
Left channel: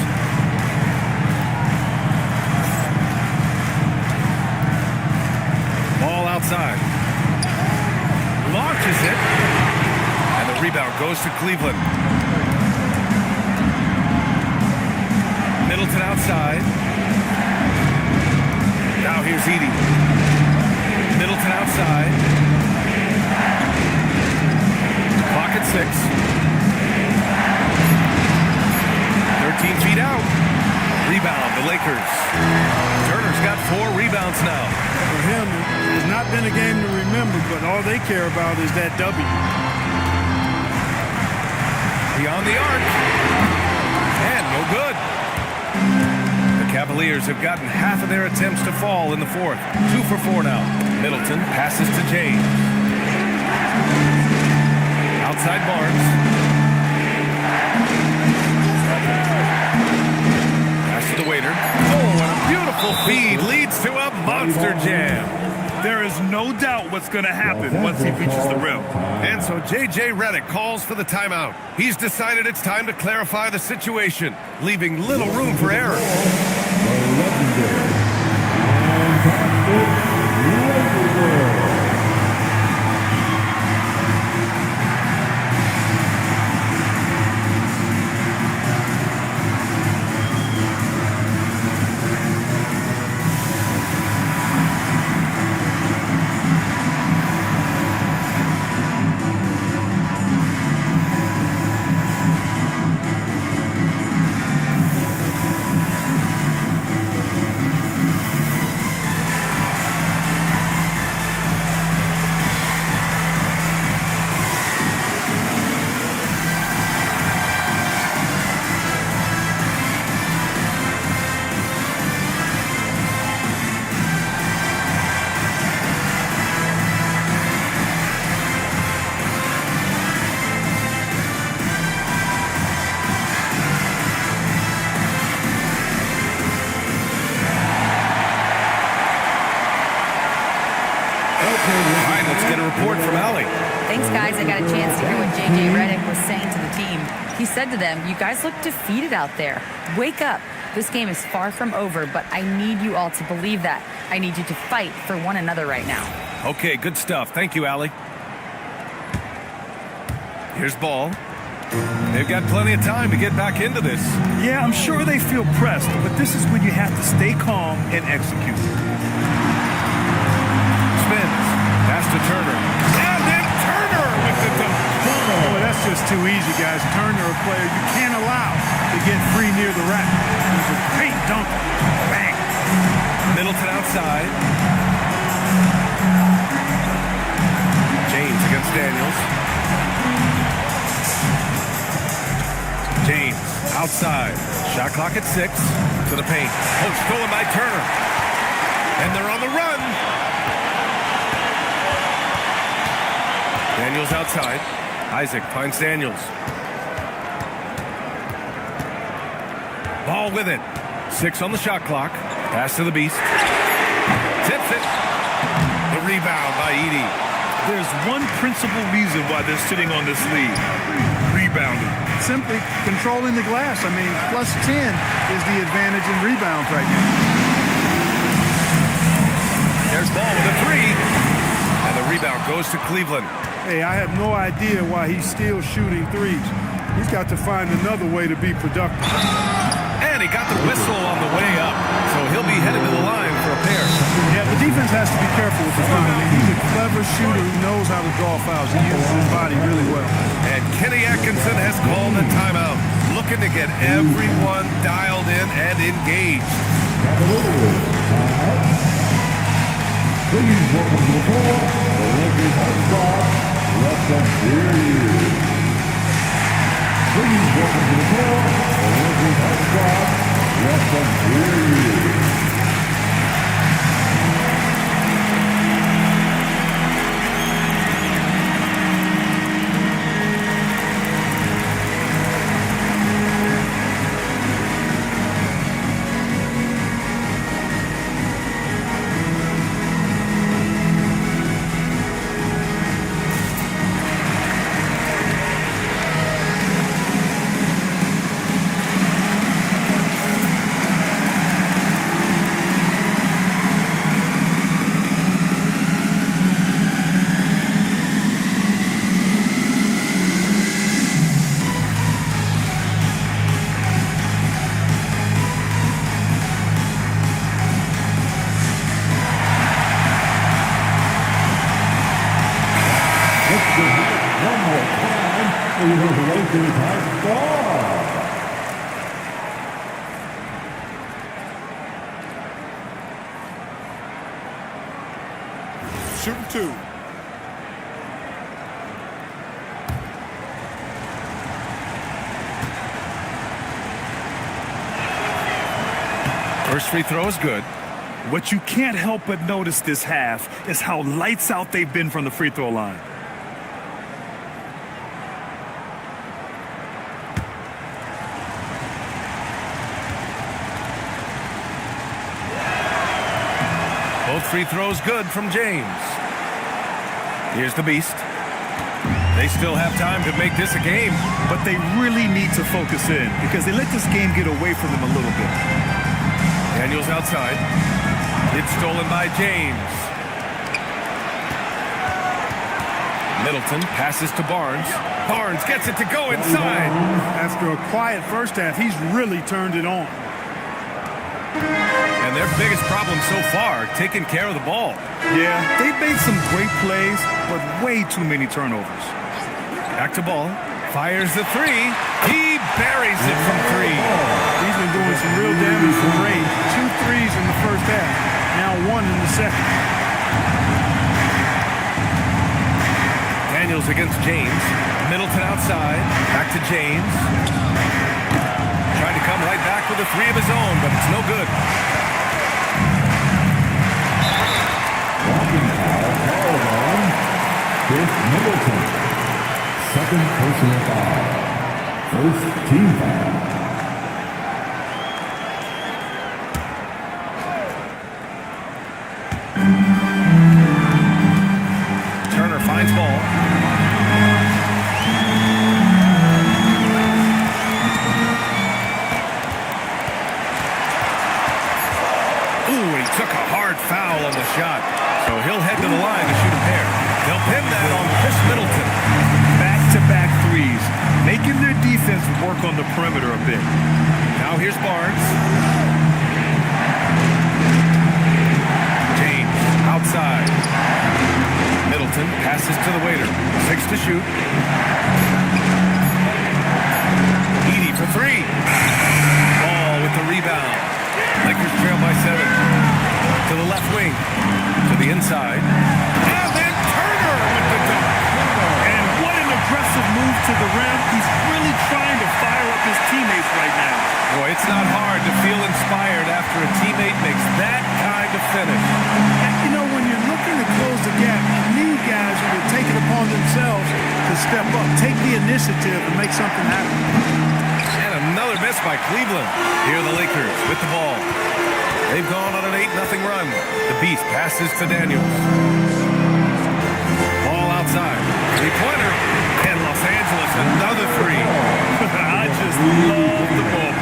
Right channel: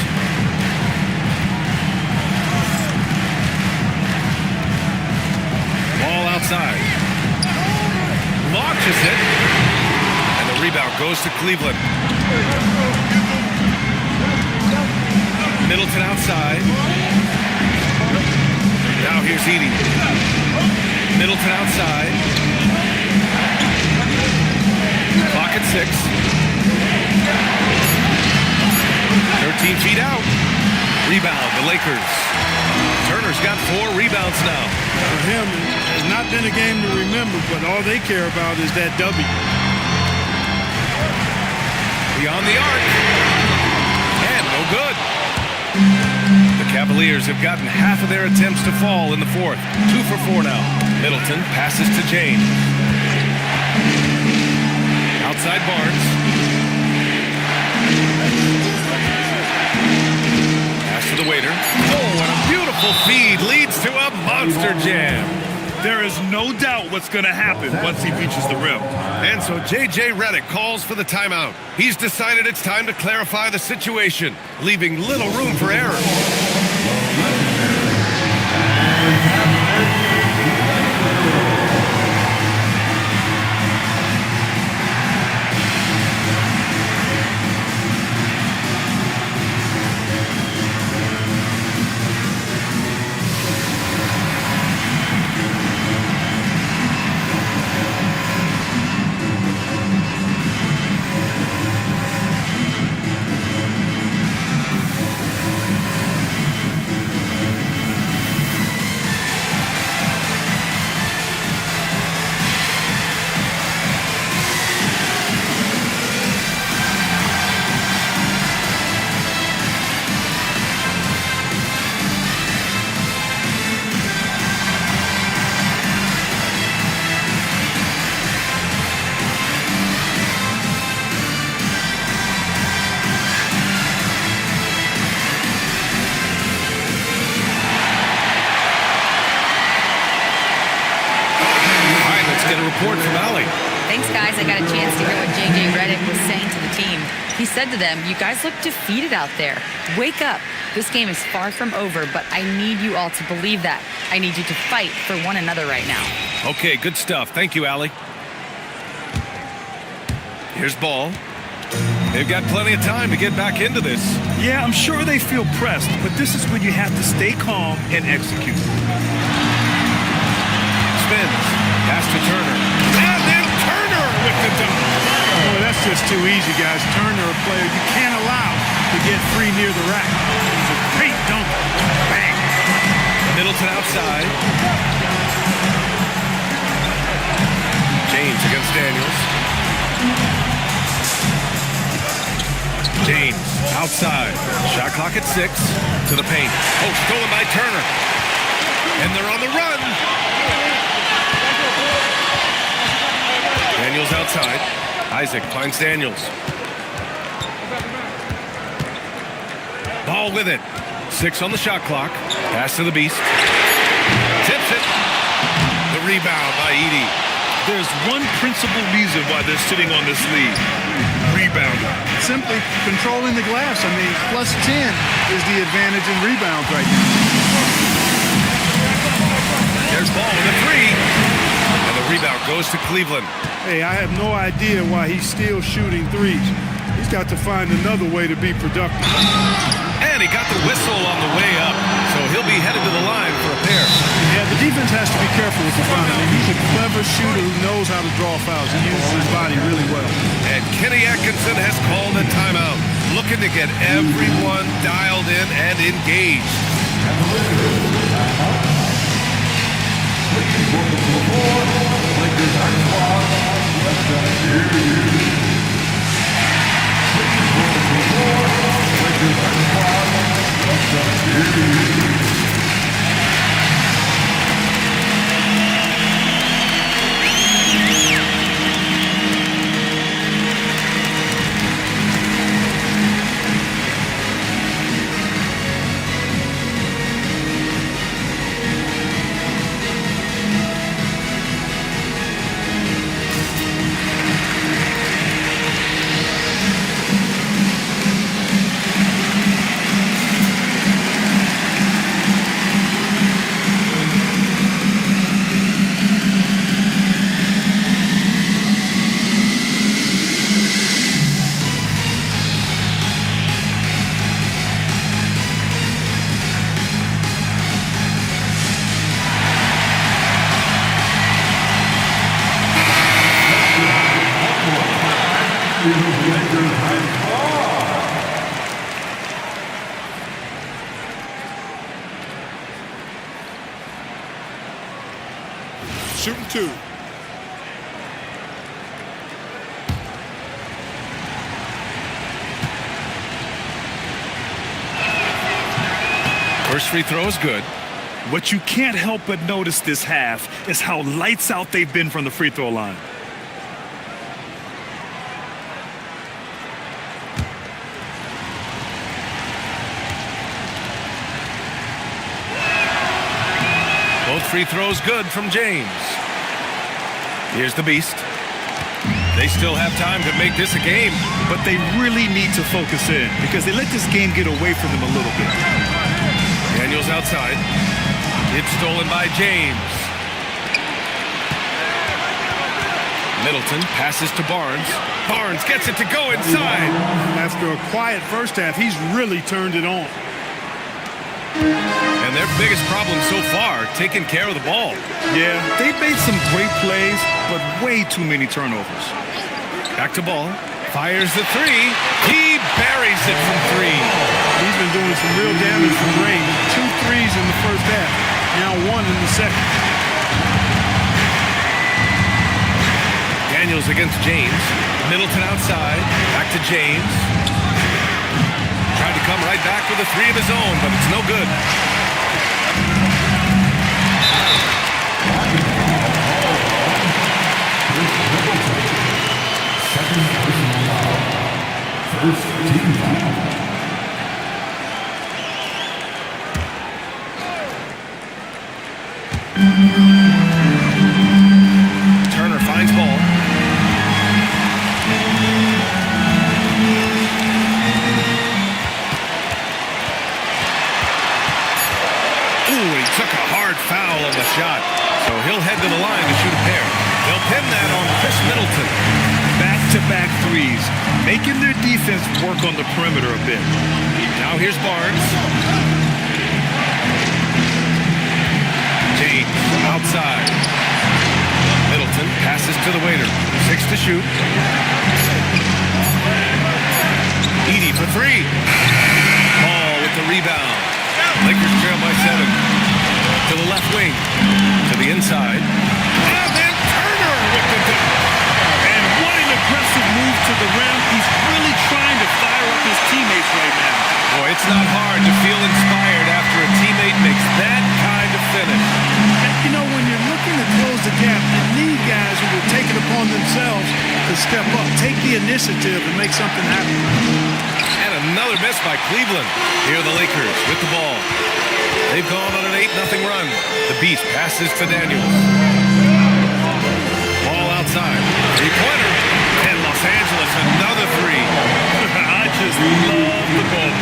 Ball outside. Launches it. And the rebound goes to Cleveland. Middleton outside. Now here's Edey. Middleton outside. Clock at 6. 13 feet out. Rebound, the Lakers. Turner's got 4 rebounds now. For him, it has not been a game to remember, but all they care about is that W. Beyond the arc. And no good. The Cavaliers have gotten half of their attempts to fall in the 4th. 2 for 4 now. Middleton passes to James. Outside Barnes. Pass to the waiter. Oh, and a beautiful feed leads to a monster jam. There is no doubt what's going to happen once he reaches the rim. And so J.J. Redick calls for the timeout. He's decided it's time to clarify the situation, leaving little room for error. Let's get a report from Allie. Thanks, guys. I got a chance to hear what J.J. Redick was saying to the team. He said to them, "You guys look defeated out there. Wake up. This game is far from over, but I need you all to believe that. I need you to fight for one another right now." Okay, good stuff. Thank you, Allie. Here's Ball. They've got plenty of time to get back into this. Yeah, I'm sure they feel pressed, but this is when you have to stay calm and execute. Spins. Pass to Turner. And then Turner with the dunk. Boy, that's just too easy, guys. Turner, a player you can't allow to get free near the rack. He's a great dunker. Bang. Middleton outside. James against Daniels. James outside. Shot clock at 6. To the paint. Oh, stolen by Turner. And they're on the run. Daniels outside. Isaac finds Daniels. Ball with it. 6 on the shot clock. Pass to the Beast. Tips it. The rebound by Edey. There's one principal reason why they're sitting on this lead. Rebounding. Simply controlling the glass. I mean, plus 10 is the advantage in rebounds right now. There's Ball with a 3. And the rebound goes to Cleveland. Hey, I have no idea why he's still shooting threes. He's got to find another way to be productive. And he got the whistle on the way up, so he'll be headed to the line for a pair. Yeah, the defense has to be careful with the front. I mean, he's a clever shooter who knows how to draw fouls. He uses his body really well. And Kenny Atkinson has called a timeout, looking to get everyone dialed in and engaged. Please welcome to the floor, the Lakers high squad, Russia Series. Please welcome to the floor, the Lakers high squad, Russia Series. Lakers high score. Shooting 2. First free throw is good. What you can't help but notice this half is how lights out they've been from the free throw line. Both free throws good from James. Here's the Beast. They still have time to make this a game. But they really need to focus in because they let this game get away from them a little bit. Daniels outside. It's stolen by James. Middleton passes to Barnes. Barnes gets it to go inside. After a quiet first half, he's really turned it on. And their biggest problem so far, taking care of the ball. Yeah, they've made some great plays, but way too many turnovers. Back to ball. Fires the three. He buries it from 3. He's been doing some real damage from range. 2 threes in the first half. Now 1 in the second. Daniels against James. Middleton outside. Back to James. Tried to come right back with a 3 of his own, but it's no good. Second personal foul. First team foul. Turner finds ball. Ooh, he took a hard foul on the shot. So he'll head to the line to shoot a pair. They'll pin that on Chris Middleton. Back-to-back threes, making their defense work on the perimeter a bit. Now here's Barnes. James outside. Middleton passes to the waiter. 6 to shoot. Edey for 3. Ball with the rebound. Lakers trail by 7. To the left wing. To the inside. And then Turner with the dunk. And what an aggressive move to the rim. He's really trying to fire up his teammates right now. Boy, it's not hard to feel inspired after a teammate makes that kind of finish. You know, when you're looking to close the gap, you need guys who will take it upon themselves to step up, take the initiative, and make something happen. And another miss by Cleveland. Here are the Lakers with the ball. They've gone on an 8-0 run. The Beast passes to Daniels. Ball outside. 3-pointer. And Los Angeles, another 3. I just love the ball.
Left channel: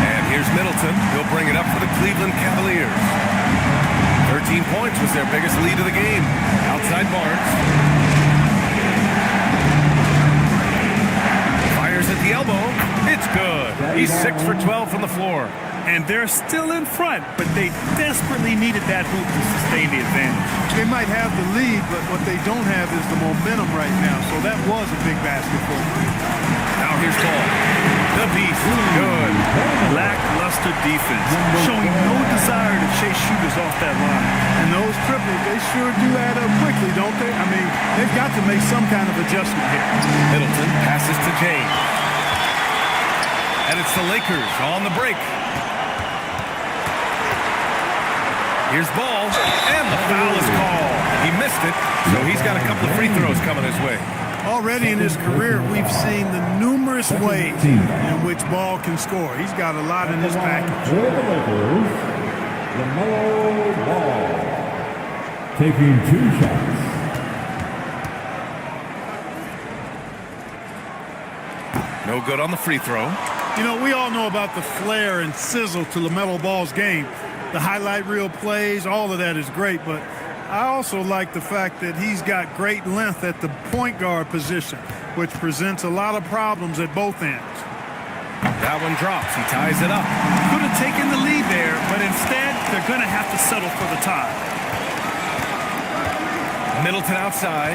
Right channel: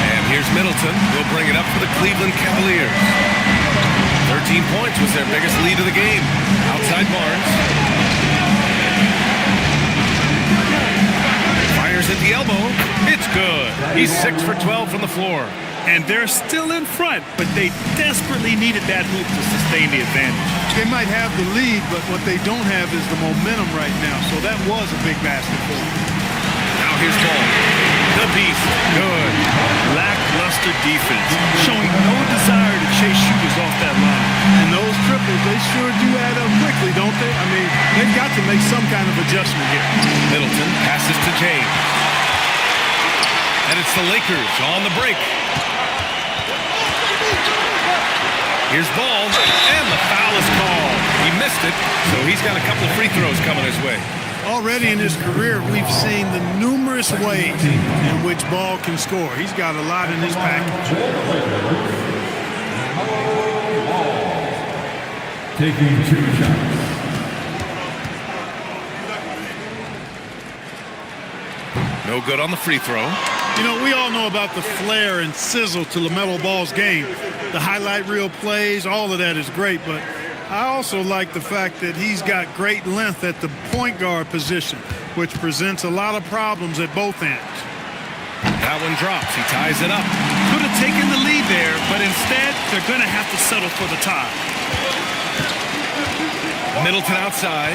And here's Middleton. He'll bring it up for the Cleveland Cavaliers. 13 points was their biggest lead of the game. Outside Barnes. Fires at the elbow. It's good. He's 6 for 12 from the floor. And they're still in front, but they desperately needed that hoop to sustain the advantage. They might have the lead, but what they don't have is the momentum right now. So that was a big basket for them. Now here's ball. The Beast. Good. Lackluster defense, showing no desire to chase shooters off that line. And those triples, they sure do add up quickly, don't they? I mean, they've got to make some kind of adjustment here. Middleton passes to James. And it's the Lakers on the break. Here's ball, and the foul is called. He missed it, so he's got a couple of free throws coming his way. Already in his career, we've seen the numerous ways in which Ball can score. He's got a lot in his package. For the Lakers, LaMelo Ball, taking 2 shots. No good on the free throw. You know, we all know about the flair and sizzle to LaMelo Ball's game. The highlight reel plays, all of that is great, but I also like the fact that he's got great length at the point guard position, which presents a lot of problems at both ends. That one drops. He ties it up. Could have taken the lead there, but instead, they're going to have to settle for the tie. Middleton outside.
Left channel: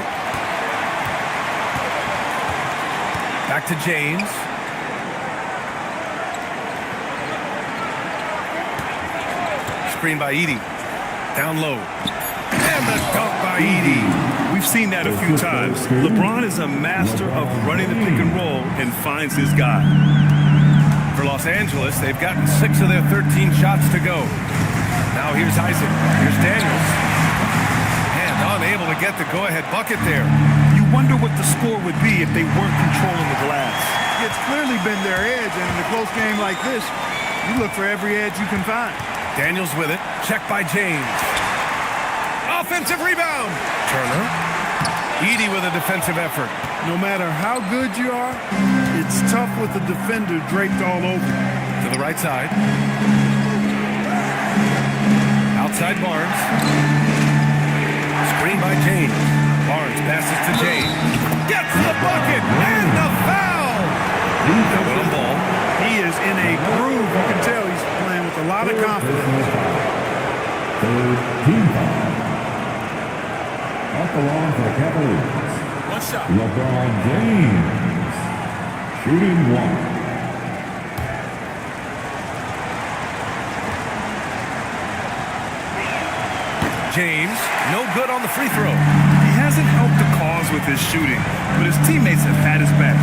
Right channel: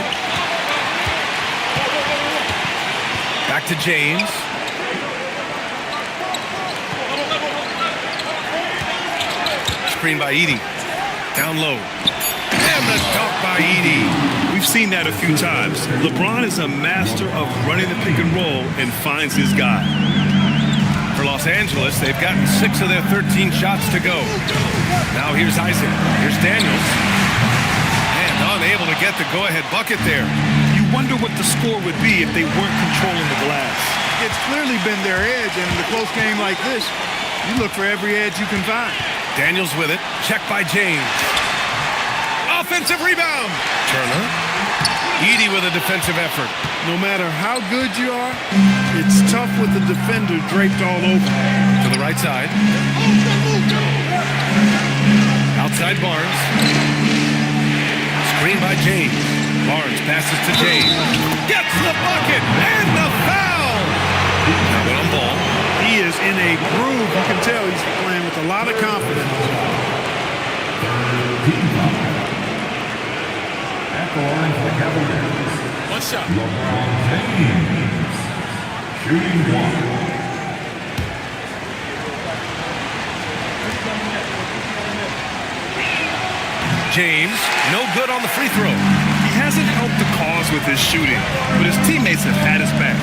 Back to James. Screen by Edie. Down low. And the dunk by Edie. We've seen that a few times. LeBron is a master of running the pick and roll and finds his guy. For Los Angeles, they've gotten 6 of their 13 shots to go. Now here's Isaac. Here's Daniels. And unable to get the go-ahead bucket there. You wonder what the score would be if they weren't controlling the glass. It's clearly been their edge, and in a close game like this, you look for every edge you can find. Daniels with it. Checked by James. Offensive rebound. Turner. Edie with a defensive effort. No matter how good you are, it's tough with the defender draped all over. To the right side. Outside Barnes. Screen by James. Barnes passes to James. Gets the bucket and the foul. Now on ball. He is in a groove. You can tell he's playing with a lot of confidence. Third team foul. At the line for the Cavaliers. One shot. LeBron James. Shooting one. James, no good on the free throw. He hasn't helped the cause with his shooting, but his teammates have had his back.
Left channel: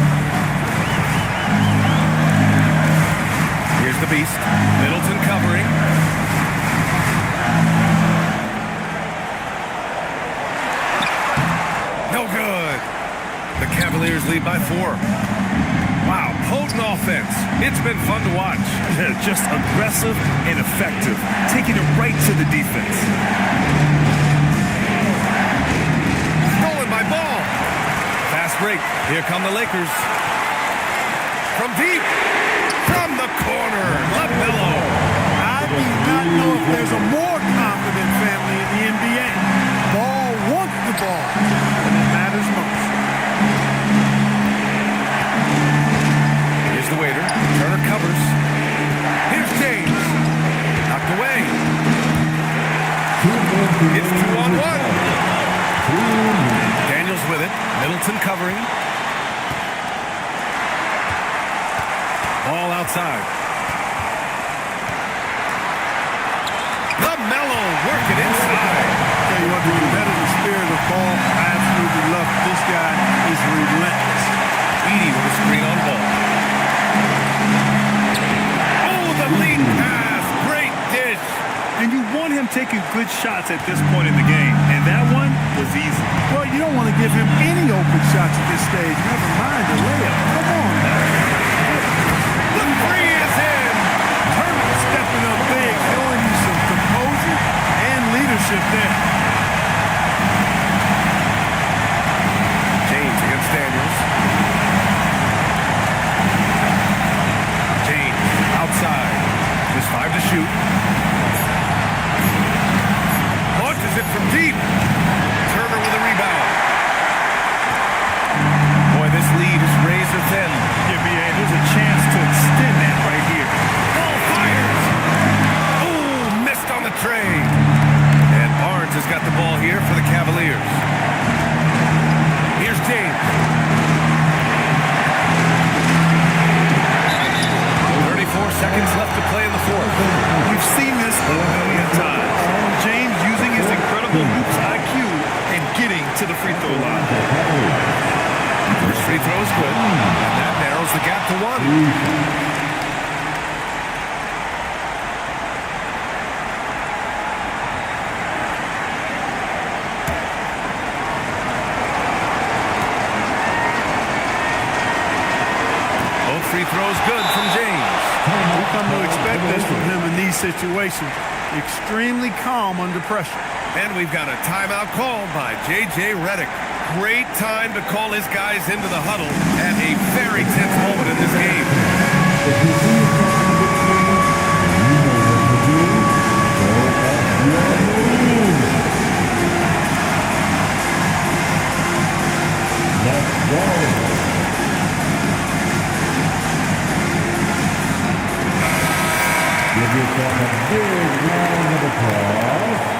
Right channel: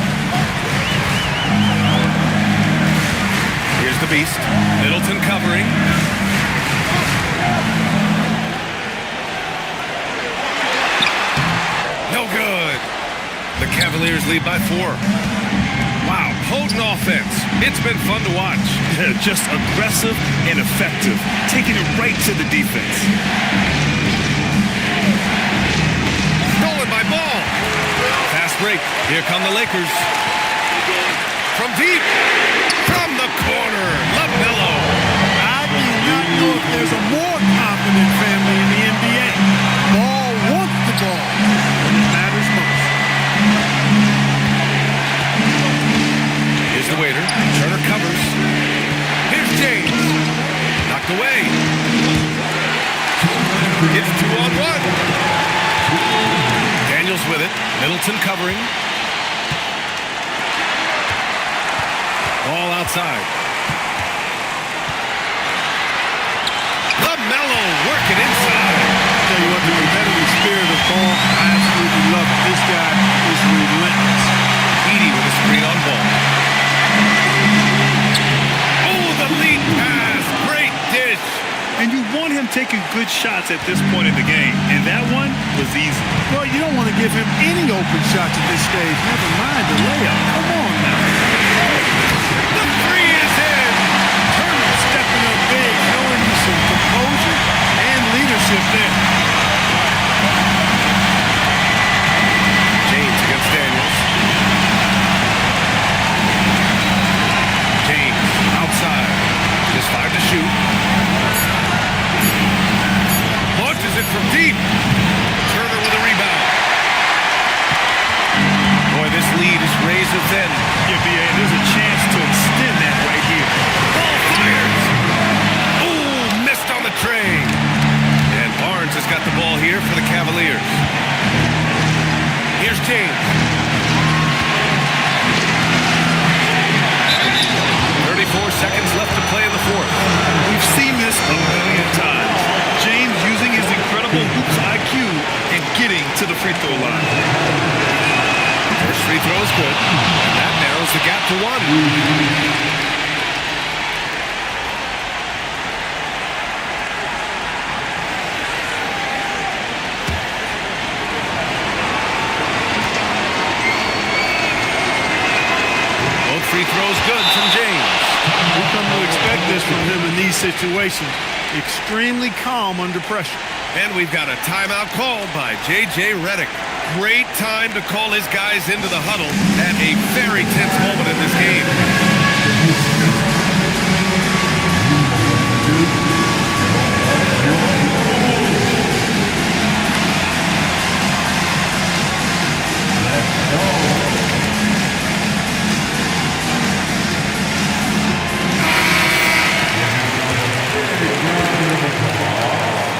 Here's the beast. Middleton covering. No good. The Cavaliers lead by 4. Wow, potent offense. It's been fun to watch. Just aggressive and effective, taking it right to the defense. Stolen by Ball. Fast break. Here come the Lakers. From deep. From the corner. LaMelo. I do not know if there's a more confident family in the NBA. Ball wants the ball when it matters most. Here's the waiter. Turner covers. Here's James. Knocked away. It's 2-on-1. Daniels with it. Middleton covering. Ball outside. LaMelo working inside. Tell you what, the competitive spirit of Ball, I absolutely love it. This guy is relentless. Edie with a screen on Ball. Oh, the lead pass. Great dish. And you want him taking good shots at this point in the game, and that one was easy. Well, you don't want to give him any open shots at this stage. Never mind the layup. Come on now. The three is in. Turner stepping up big, showing you some composure and leadership there. James against Daniels. James outside. Just 5 to shoot. Launches it from deep. Turner with a rebound. Boy, this lead is razor thin. Yeah, B.A., there's a chance to extend that right here. Ball fires. Oh, missed on the tray. And Barnes has got the ball here for the Cavaliers. Here's James. 34 seconds left to play in the fourth. We've seen this a million times. James using his incredible hoops IQ and getting to the free throw line. First free throw is good, and that narrows the gap to 1. Both free throws good from James. We come to expect this from him in these situations. Extremely calm under pressure. And we've got a timeout called by J.J. Redick. Great time to call his guys into the huddle at a very tense moment in this game. Let's go. Give yourself a big round of applause.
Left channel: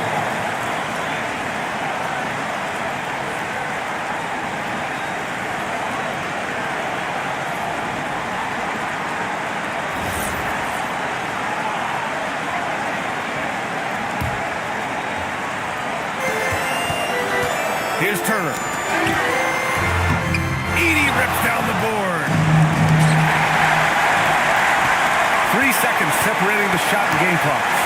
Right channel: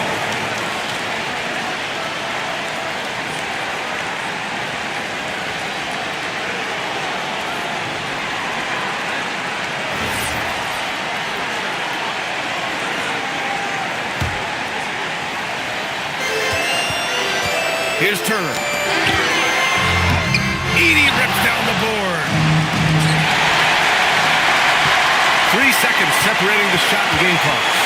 Here's Turner. Edey rips down the board. 3 seconds separating the shot and game clocks.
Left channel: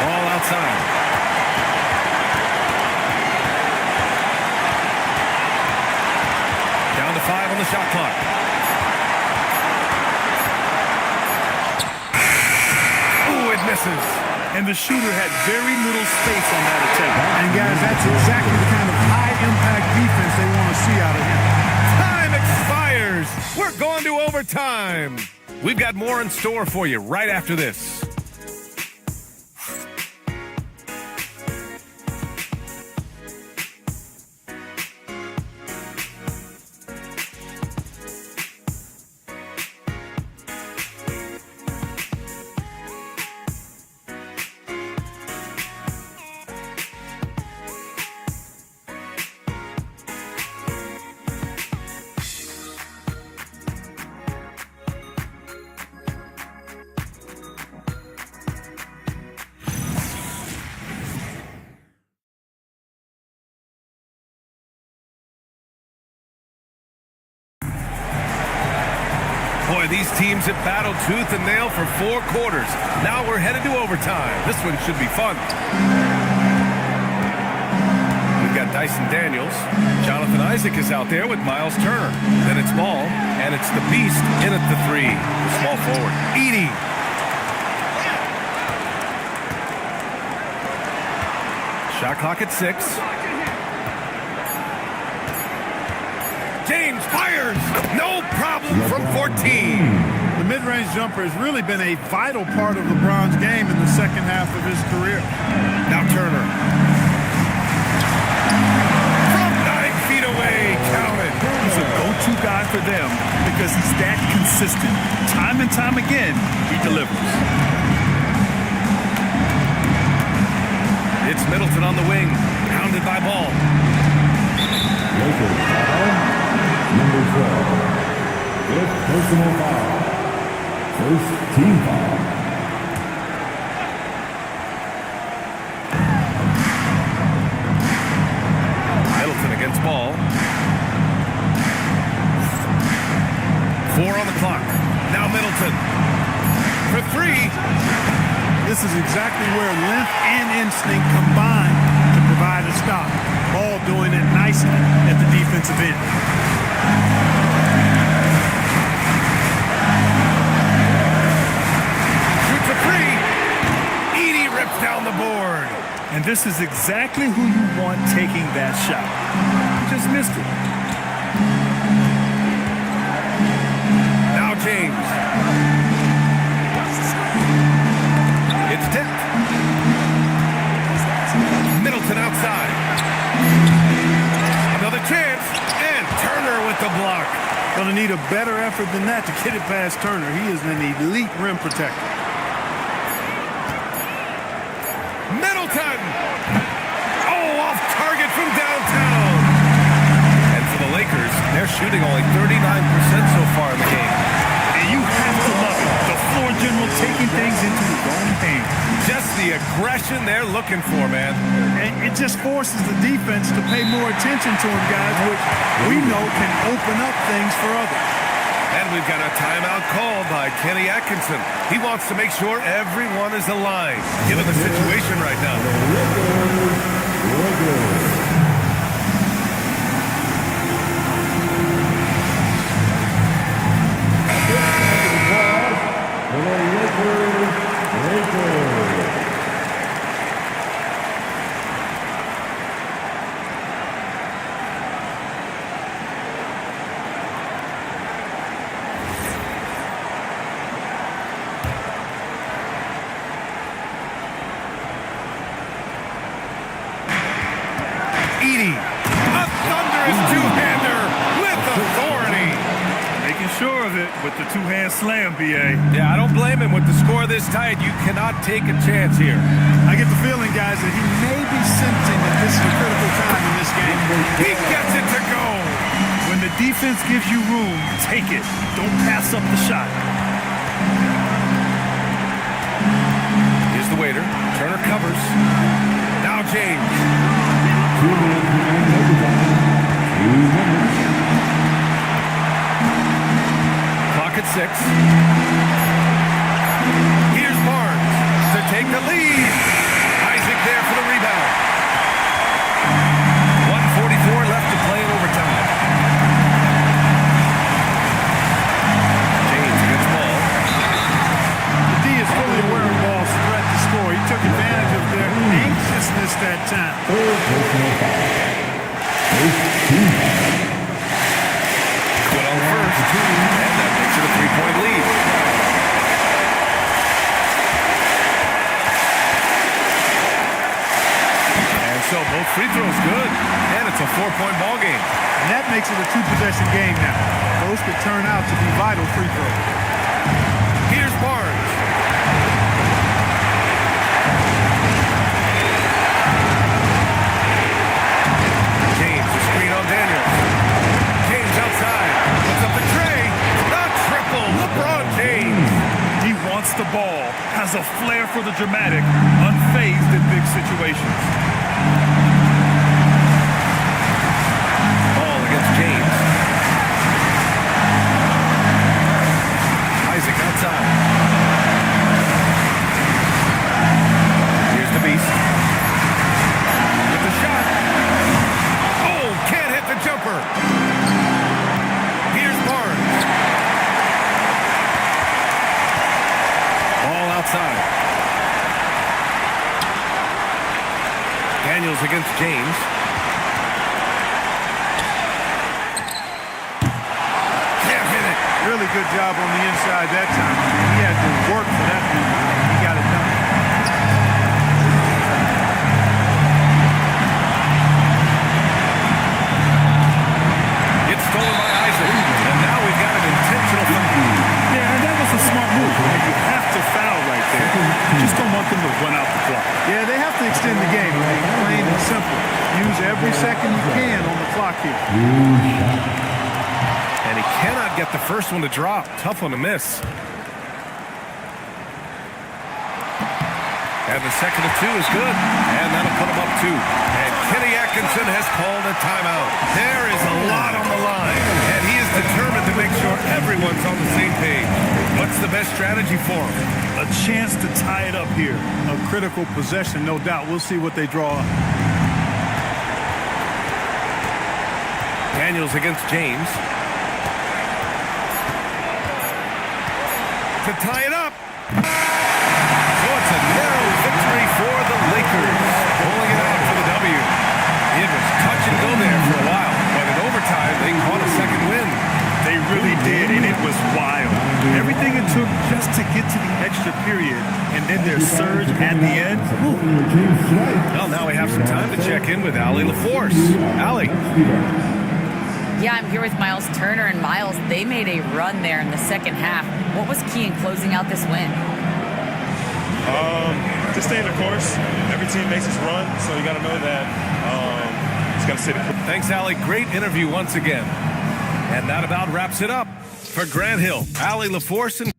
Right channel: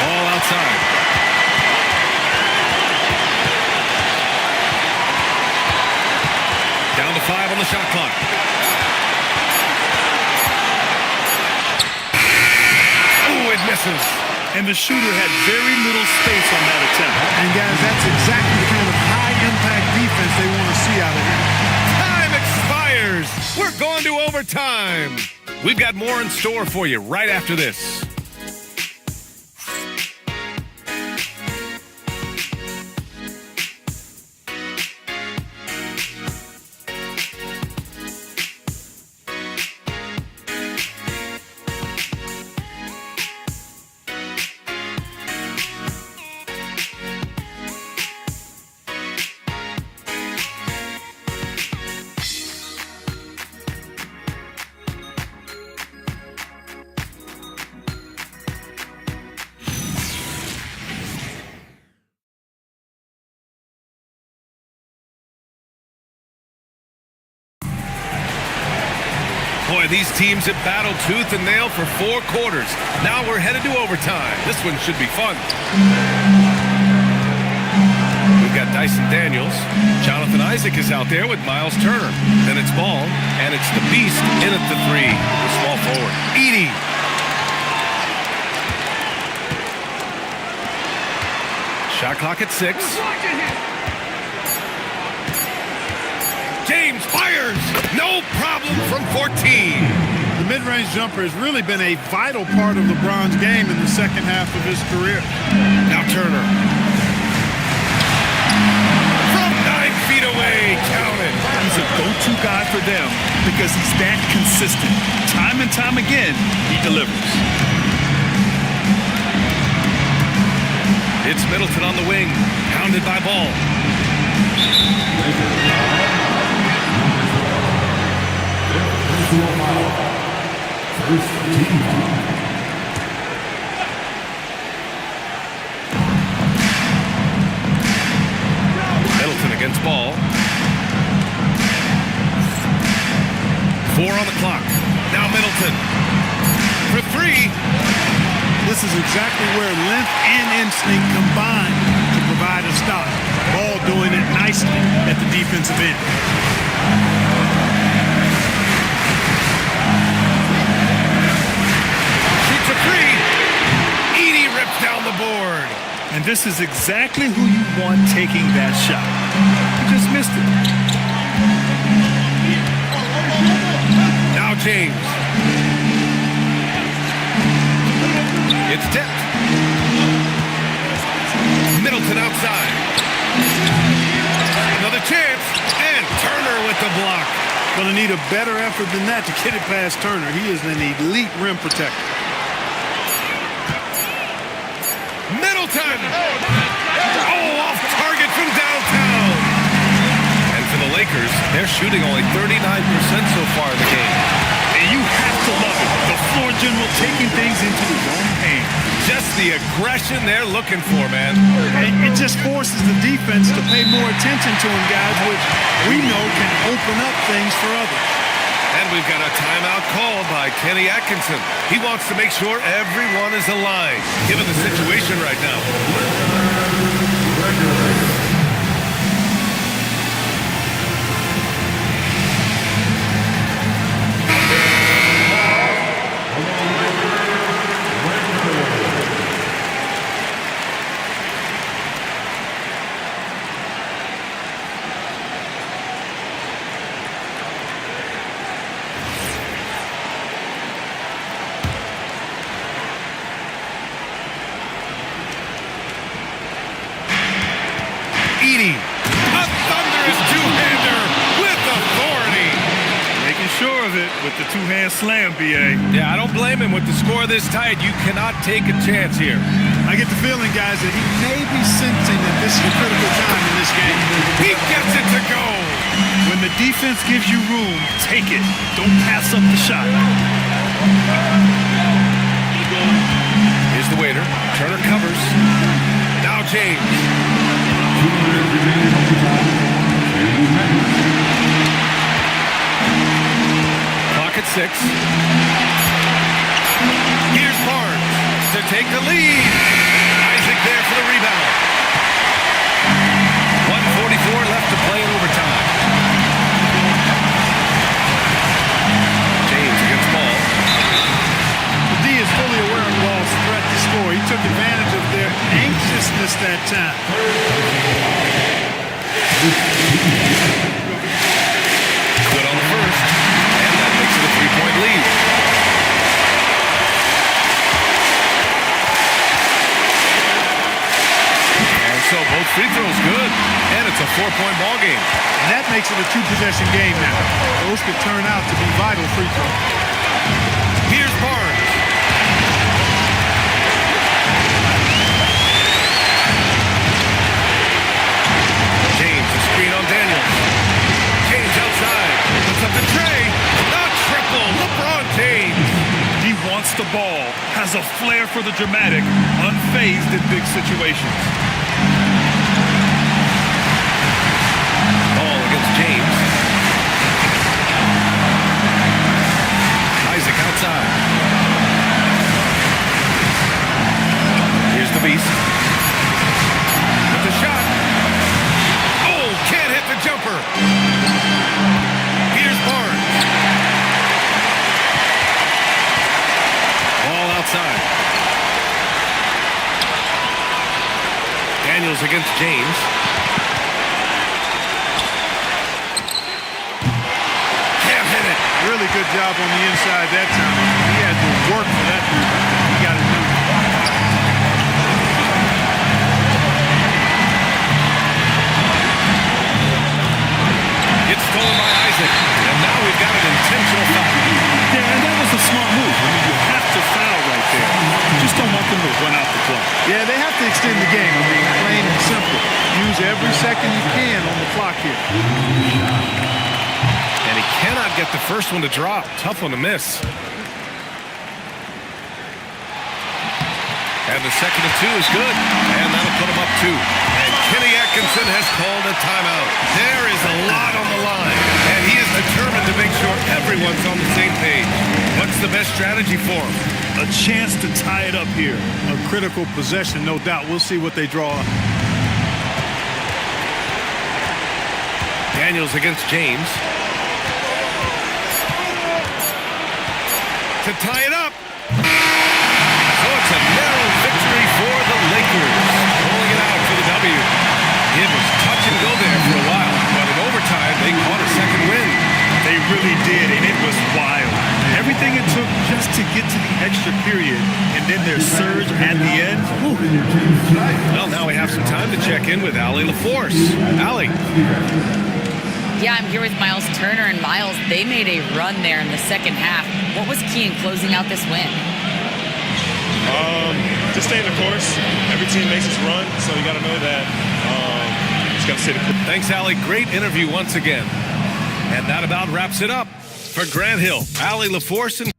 Ball outside. Down to 5 on the shot clock. Ooh, it misses. And the shooter had very little space on that attempt. And guys, that's exactly the kind of high-impact defense they want to see out of him. Time expires. We're going to overtime. We've got more in store for you right after this. Boy, these teams have battled tooth and nail for 4 quarters. Now we're headed to overtime. This one should be fun. We've got Dyson Daniels. Jonathan Isaac is out there with Miles Turner. Then it's Ball, and it's the Beast in at the 3, the small forward. Edey. Shot clock at 6. James fires! No problem from 14. The mid-range jumper has really been a vital part of LeBron's game in the second half of his career. Now Turner. From 9 feet away, count it. He's a go-to guy for them because he's that consistent. Time and time again, he delivers. It's Middleton on the wing, pounded by Ball. Number 12. 5th personal foul. First team foul. Middleton against Ball. 4 on the clock. Now Middleton. For 3. This is exactly where length and instinct combine to provide a stop. Ball doing it nicely at the defensive end. Shoots a 3. Edey rips down the board. And this is exactly who you want taking that shot. He just missed it. Now James. It's tipped. Middleton outside. Another chance. And Turner with the block. Going to need a better effort than that to get it past Turner. He is an elite rim protector. Middleton! Oh, off target from downtown. And for the Lakers, they're shooting only 39% so far in the game. And you have to love it. The floor general taking things into his own hands. Just the aggression they're looking for, man. And it just forces the defense to pay more attention to him, guys, which we know can open up things for others. And we've got a timeout called by Kenny Atkinson. He wants to make sure everyone is aligned, given the situation right now. Edey, a thunderous two-hander with authority. Making sure of it with the two-hand slam, B.A. Yeah, I don't blame him. With the score this tight, you cannot take a chance here. I get the feeling, guys, that he may be sensing that this is a critical time in this game. He gets it to go. When the defense gives you room, take it. Don't pass up the shot. Here's the waiter. Turner covers. Now James. 2 minutes remaining in overtime. 2 minutes. Clock at 6. Here's Barnes to take the lead. Isaac there for the rebound. 1:44 left to play in overtime. James against Ball. The D is fully aware of Ball's threat to score. He took advantage of their anxiousness that time. Good on the first, and that makes it a 3-point lead. And so both free throws good, and it's a 4-point ball game. And that makes it a 2-possession game now. Those could turn out to be vital free throws. Here's Barnes. James, a screen on Daniels. James outside, puts up the tray. The triple, LeBron James. He wants the ball, has a flair for the dramatic, unfazed in big situations. Ball against James. Isaac outside. Here's the beast. With the shot. Oh, can't hit the jumper. Here's Barnes. Ball outside. Daniels against James. Can't hit it. Really good job on the inside that time. I mean, he had to work for that rebound. He got it done. It's stolen by Isaac, and now we've got an intentional foul. Yeah, and that was a smart move. I mean, you have to foul right there. You just don't want them to run out the clock. Yeah, they have to extend the game. I mean, plain and simple. Use every second you can on the clock here. And he cannot get the first one to drop. Tough one to miss. And the second of 2 is good. And that'll put him up 2. And Kenny Atkinson has called a timeout. There is a lot on the line. And he is determined to make sure everyone's on the same page. What's the best strategy for him? A chance to tie it up here. A critical possession, no doubt. We'll see what they draw up. Daniels against James. To tie it up. So it's a narrow victory for the Lakers. Pulling it out for the W. It was touch and go there for a while, but in overtime, they caught a second win. They really did, and it was wild. Everything it took just to get to the extra period, and then their surge at the end. Whew. Well, now we have some time to check in with Allie LaForce. Allie. Yeah, I'm here with Miles Turner, and Miles, they made a run there in the second half. What was key in closing out this win? Just stay in the course. Every team makes its run, so you got to know that. Just got to stay the course. Thanks, Allie. Great interview once again. And that about wraps it up. For Grant Hill, Allie LaForce, and